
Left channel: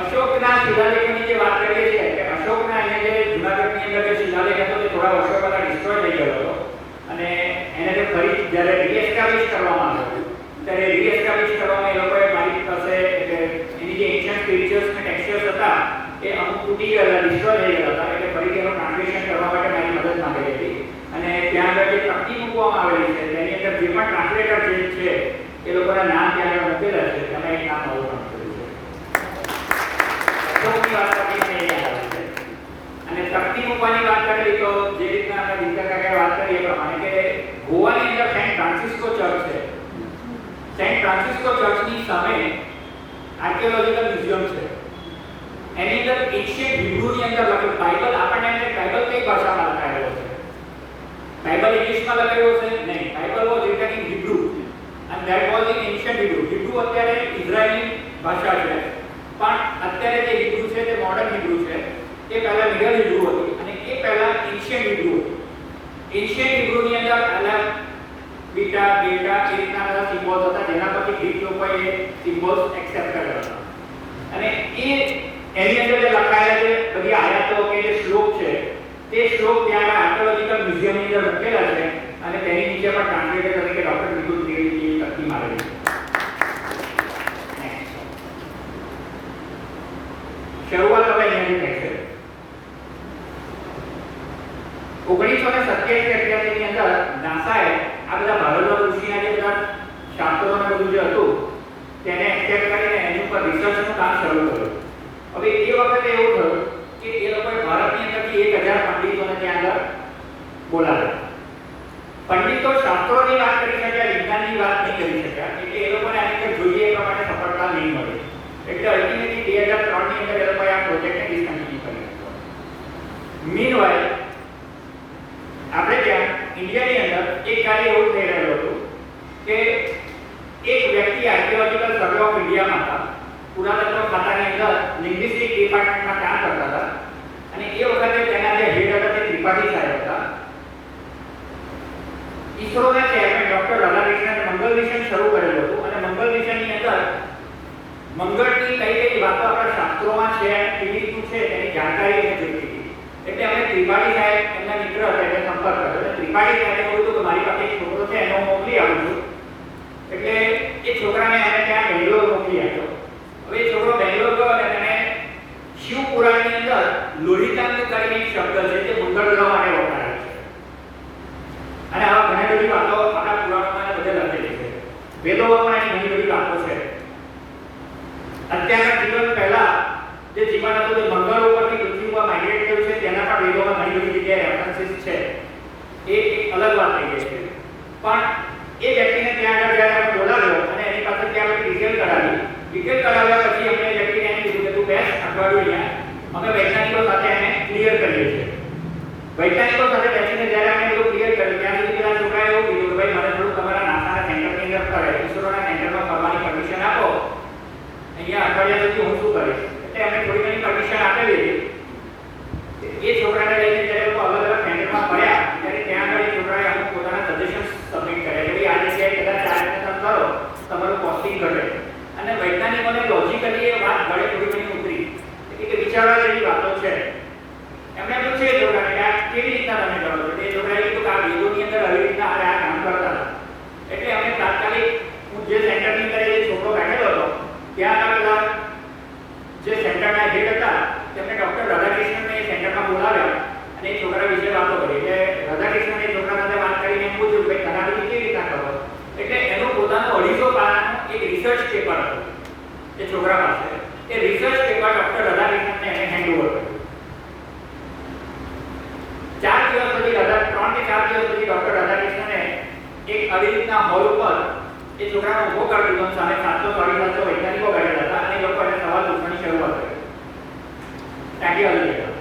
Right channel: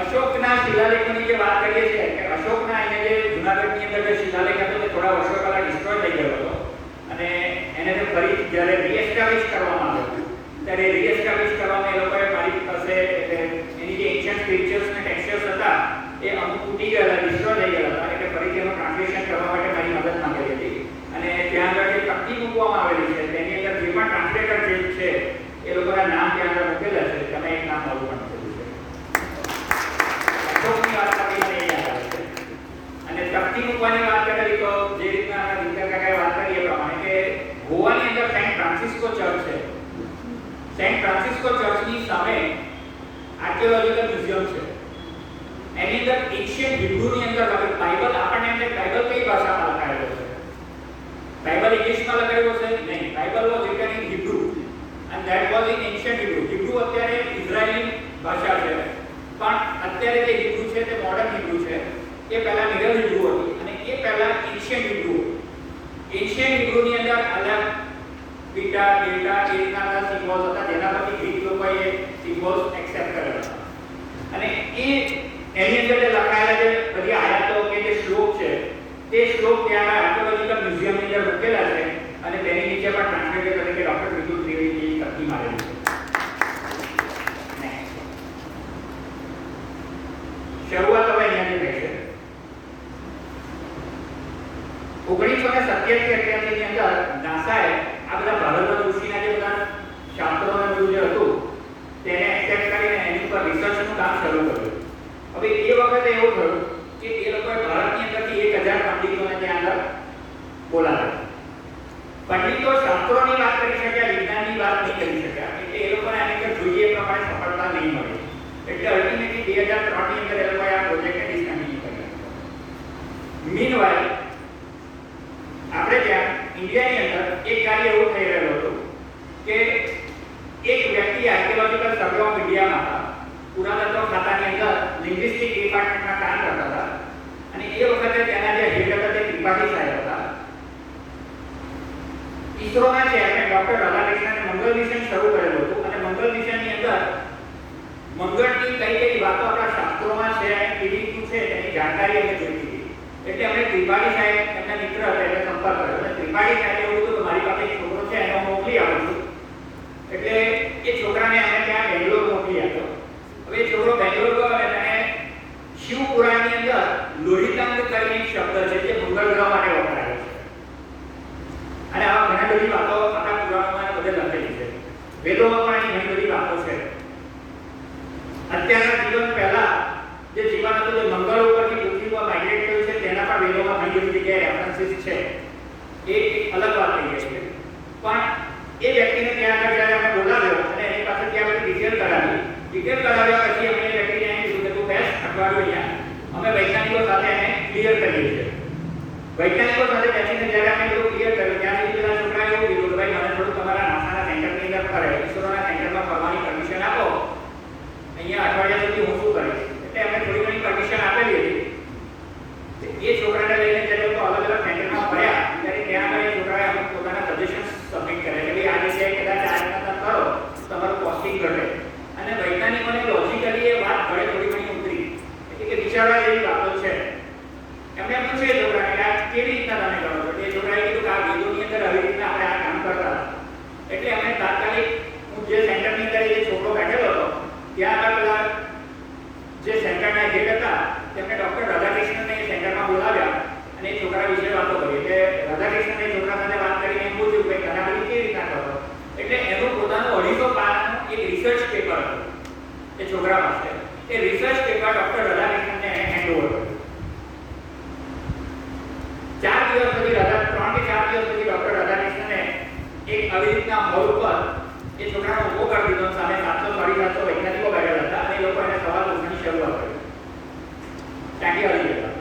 અશોકના શિલાલેખોની જે વાત કરીએ છીએ કે અશોકના અહીંયા જે જૂનાગઢની અંદર જે શિલાલેખ હતો તે થોડા વર્ષો પહેલા ડિસ્ટ્રોય થઈ ગયો હતો અને એને જો ફરી જ્યારે રીએસ્ટાબ્લિશ કરવામાં આવ્યો ત્યારે રીએસ્ટાબ્લિશ કરવામાં એ લોકોએ મારી પાસે એની જે એન્શિયન્ટ સ્ક્રિપ્ચર્સ અને ટેક્સચર્સ હતા એ અમુક તૂટી ગયેલા, ડિસ્ટ્રોય થઈ ગયેલા હતા, એટલે ફરી તેનું ટ્રાન્સલેશન કરવા માટે મારી મદદ માંગેલી હતી. અને ત્યાં આગળ જે તકતી મૂકવામાં આવેલી છે તેની અંદર જે પણ ટ્રાન્સલેટર જે છે એ લોકોના નામ ત્યાં આગળ મૂકેલા છે. તમે એક નામ નવું અશોકની વાત કરીને એ આવે છે. અને તકતી મૂકવાની વાત કરી તો જે રીતના આપણે દીકરા કાકાએ વાત કરી એ પ્રમાણે કે ગોવાની અંદર સેન્ટ ફ્રાન્સિસ્કો ચર્ચ છે. સેન્ટ ફ્રાન્સિસ્કો ચર્ચની સામે આર્કિયોલોજીકલ મ્યુઝિયમ છે. એની અંદર એન્શિયન્ટ હિબ્રુની અંદર લખેલું બાઇબલ, આપણને એમ બાઇબલ કઈ ભાષામાં લખાયેલો છે? બાઇબલ ઇંગ્લિશમાં લખાયેલો છે? નહીં. Bible was return in Hebrew and that was in ancient Hebrew. Hebrew અત્યારે ઇઝરાયલી ભાષા છે, પણ અત્યારે જે હિબ્રુ છે તે મોડર્ન હિબ્રુ છે. એ પહેલા મિડલ હિબ્રુ હતી અને એ પહેલા એન્શિયન્ટ હિબ્રુ હતી. એન્શિયન્ટ હિબ્રુની અંદર અલગ બીટા, ડેલ્ટા એ રીતના સિમ્બોલ્સ હતા, જેના પરથી ગ્રીક લોકોએ એ સિમ્બોલ્સ એક્સેપ્ટ કર્યા હતા. અને એની અંદર જે લખાયેલા જે બધી આયાતો કે જે શ્લોક છે તે શ્લોક ત્યાં આર્કિયોલોજીકલ મ્યુઝિયમની અંદર મૂકેલા છે અને તેની નીચે પણ ટ્રાન્સલેટર તરીકે ડોક્ટર વિદુત દેવજી તકતી મારેલી છે. શરૂઆત હવે અહીંયાથી થાય છે. 1987-88 ની અંદર નાસાએ આ બધા ભારતના ઋષિના જે બધા શાસ્ત્રોનું બધું જે હતું તેને એક્સેપ્ટ કરીને એની ઉપર રિસર્ચનું કામ શરૂ કર્યું. હવે એ વખતે એવું થયું કે એ લોકોએ ભારતની અંદરથી 1000 પંડિતોને ત્યાં આગળ બોલાવ્યા. પંડિતો શાસ્ત્રોની વાત કરી શક્યા, વિજ્ઞાનની વાત નહીં કરી શક્યા, એટલે એ લોકોને આની અંદર જોઈએ એ પ્રમાણે સફળતા નહીં મળી. એટલે અલ્ટિમેટલી 2003 ની અંદર એ લોકોએ આ પ્રોજેક્ટને ડિસકન્ટિન્યુ કર્યો. મીનવાઇલ આપણે ત્યાં ઇન્ડિયાની અંદર એક કાર્ય એવું થઈ રહ્યું હતું કે એક વ્યક્તિ આર્કિયોલોજીકલ સર્વે ઓફ ઇન્ડિયામાં હતા, પુરાતત્વ ખાતાની અંદર લિંગ્વિસ્ટિક ડિપાર્ટમેન્ટમાં કામ કરતા હતા અને એ વખતે તેના જે હેડ હતા તે ત્રિપાઠી સાહેબ હતા. ઈસરોના ચેરમેન ડોક્ટર રાધાકૃષ્ણને મંગલ મિશન શરૂ કરેલું હતું અને મંગલ મિશનની અંદર મંગળની કઈ કઈ વાતો આપણા શાસ્ત્રોમાં છે, કેવી રીતનું છે તેની જાણકારી અમે જોઈતી હતી. એટલે અમે ત્રિપાઠી સાહેબ એમના મિત્ર હતા એટલે સંપર્ક કર્યો અને ત્રિપાઠી સાહેબે કહ્યું કે મારી પાસે એક છોકરો છે એનો હું મોકલી આપું છું. એટલે એ છોકરાને અમે ત્યાં બેંગ્લોર મોકલી આપ્યો. હવે એ છોકરો બેંગ્લોર ગયો અને એને શિવ પુરાણની અંદર લોહિતાંગ કરીને એક શબ્દ છે જે મંગળ ગ્રહ માટે વપરાયો છે. અને આવા ઘણી બધી વાતો આપણા પુરાણોમાં બધે લખેલી છે. વેદોમાં પણ એની ઘણી બધી વાતો છે. અત્યારના જીવન પહેલા જે જીવન હતું તે મંગળ ઉપરથી પૃથ્વી પર માઇગ્રેટ થયું છે તેના પણ વેદોમાં ઘણી બધી જગ્યાએ રેફરન્સીસ છે. એ એક અલગ વાત થઈ છે. પણ એ વ્યક્તિને ત્યાં આગળ જ્યારે અમે બોલાવ્યો અને એની પાસેથી આપણે ડિટેલ કરાવ્યા પછી અમને વ્યક્તિને એમ કીધું કે તું બેસ અઠવાડિયું અહીંયા અમે વૈજ્ઞાનિકો સાથે એને ક્લિયર કરીએ છીએ. વૈજ્ઞાનિકો સાથે બેસીને જ્યારે અમે એવું ક્લિયર કર્યું ત્યાં સુધી પેલા છોકરાએ એવું કીધું કે ભાઈ મને થોડું તમારા નાસાના સેન્ટરની અંદર કરે ઈસરોના સેન્ટરમાં ફરવાની પરમિશન આપો, અહીંયા અઠવાડિયા સુધી હું શું કરીશ. એટલે અમે થોડી ઘણી પરમિશન આપેલી હતી. એ છોકરાને લઈને જ્યારે લોકો અલગ અલગ સેન્ટરમાં ફર્યા ત્યારે ત્યાં આગળ એ છોકરાએ અમુક પોતાના સજેશન્સ સબમિટ કર્યા કે આ જગ્યાએ કદાચ આ રીતના તમે કરો તમારું કોસ્ટિંગ ઘટે. અને વૈજ્ઞાનિકોને લોજિકલી એ વાત ઘરે થોડી ઘણી ઉતરી કે વિચારવા જેવી વાતો છે. એમણે પૂછ્યું એ છોકરાને કે આ કેવી રીતના તમે કરો છો? એ છોકરાએ કીધું કે આ વેદોની અંદર આવી રીતના આપણે આ કામ કરતા હતા. એટલે અમે તાત્કાલિક હું જે સેન્ટરની અંદર જે છોકરો બેઠેલો હતો ત્યાં આગળ જે સેન્ટરના હેડ હતા તેમને ડોક્ટર રાધાકૃષ્ણને એ સેન્ટરમાં બોલાવ્યા અને એ છોકરા વિશે વાતો કરી. એટલે રાધાકૃષ્ણને એ છોકરા સાથે વાત કરીને એમ પૂછ્યું કે તમે આ કેવી રીતના કરો? એટલે એનું પોતાનું 250 પાનાનું એક રિસર્ચ પેપર હતું એ છોકરા પાસે. એ રિસર્ચ પેપર ડોક્ટર રાધાકૃષ્ણને એને હેન્ડઓવર કર્યું. 4 દિવસ સુધી 3 કે 4 દિવસ સુધી ડોક્ટર રાધાકૃષ્ણને એક આવી રીતના હોલ પર એ છોકરાને ઉભો કરી દીધો. સામે 700-750 વૈજ્ઞાનિકો બેઠેલા હતા અને એ લોકો એને સવાલ પૂછવાની શરૂઆત કરી. ત્યાંથી આવી ગયા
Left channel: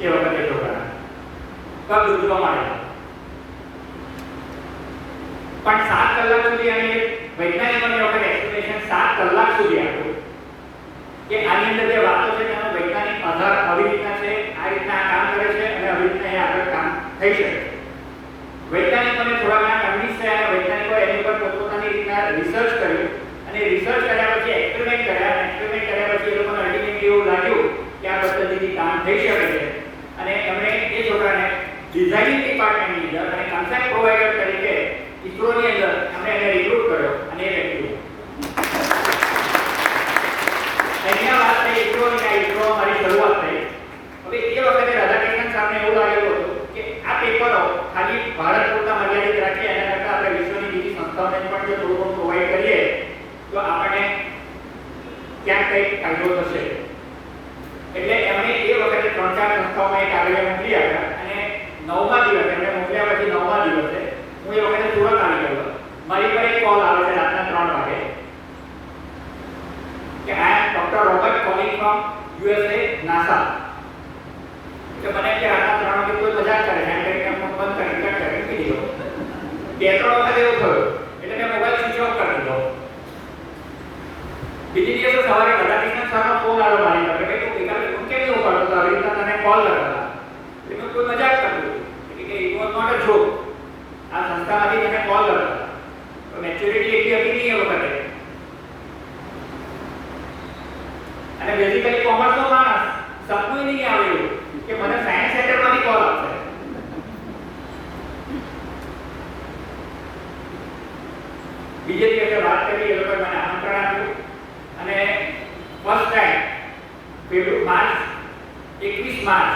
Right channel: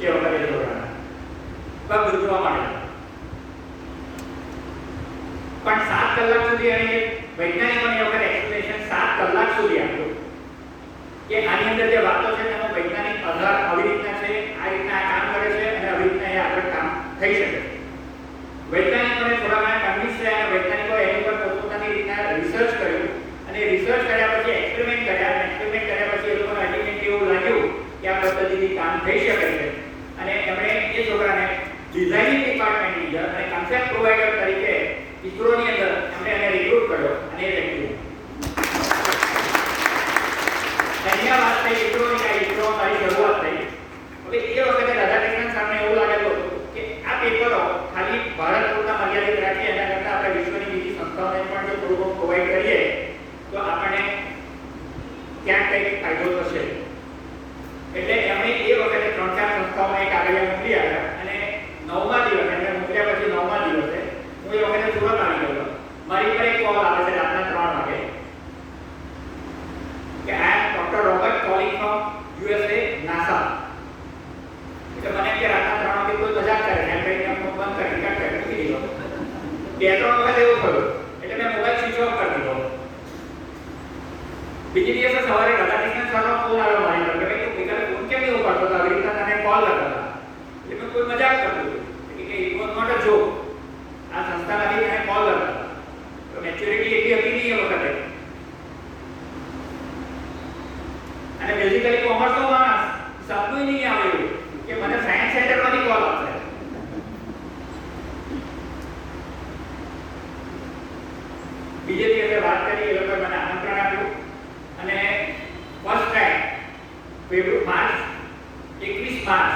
એ વખતે છોકરાને પગ દુખવા માંડ્યા. પણ 7 કલાક સુધી એને વૈજ્ઞાનિકોને એ વખતે એક્સપ્લેનેશન 7 કલાક સુધી આપ્યું કે આની અંદર જે વાતો છે તેનો વૈજ્ઞાનિક આધાર આવી રીતના છે, આ રીતના આ કામ કરે છે અને આવી રીતના એ આગળ કામ થઈ શકે. વૈજ્ઞાનિકોને થોડા સંસ્થાઓને પણ જો થોડું પ્રોવાઈડ કરીએ તો આપણને ક્યાંક કંઈક ફાયદો થશે. એટલે એમણે એ વખતે 3-4 સંસ્થાઓમાં એક કાગળિયા મોકલી આવ્યા અને 9મા દિવસે એમને મોકલ્યા પછી 9મા દિવસે હું એ વખતે સુરત આવી ગયો. મારી પર એક કોલ આવે છે રાતના 3 વાગે કે આ doctor Robert calling from USA NASA. એટલે મને કે રાતના 3 વાગે કોઈ મજાક કરે છે એમ કરીને ફોન બંધ કરી કટ કરી મૂકી દીધો. 2-3 વખત એવું થયું એટલે મેં મોબાઈલ સ્વિચ ઓફ કરી દીધો. બીજી દિવસે સવારે કદાચિત સરનો ફોન આવ્યો મારી પર કે તું એકલા ફોન કેમ નહીં ઉપાડતો તો આવી રીતના તને કોલ કરતા. એટલે મેં કોઈ મજાક કરતું કે it was not a joke. આ સંસ્થામાંથી એને કોલ કરતા. મેચ્યોરિટી એટલી હતી નહીં એ વખતે. અને બેઝિકલી કોમર્સનો માણસ સપનું નહીં આવ્યું કે મને સાયન્સ સેન્ટરમાંથી કોલ આવશે. બીજે દિવસે વાત કરી એ લોકોએ મને આમંત્રણ આપ્યું અને ફર્સ્ટ ટાઈમ માર્ચ 21 માર્ચ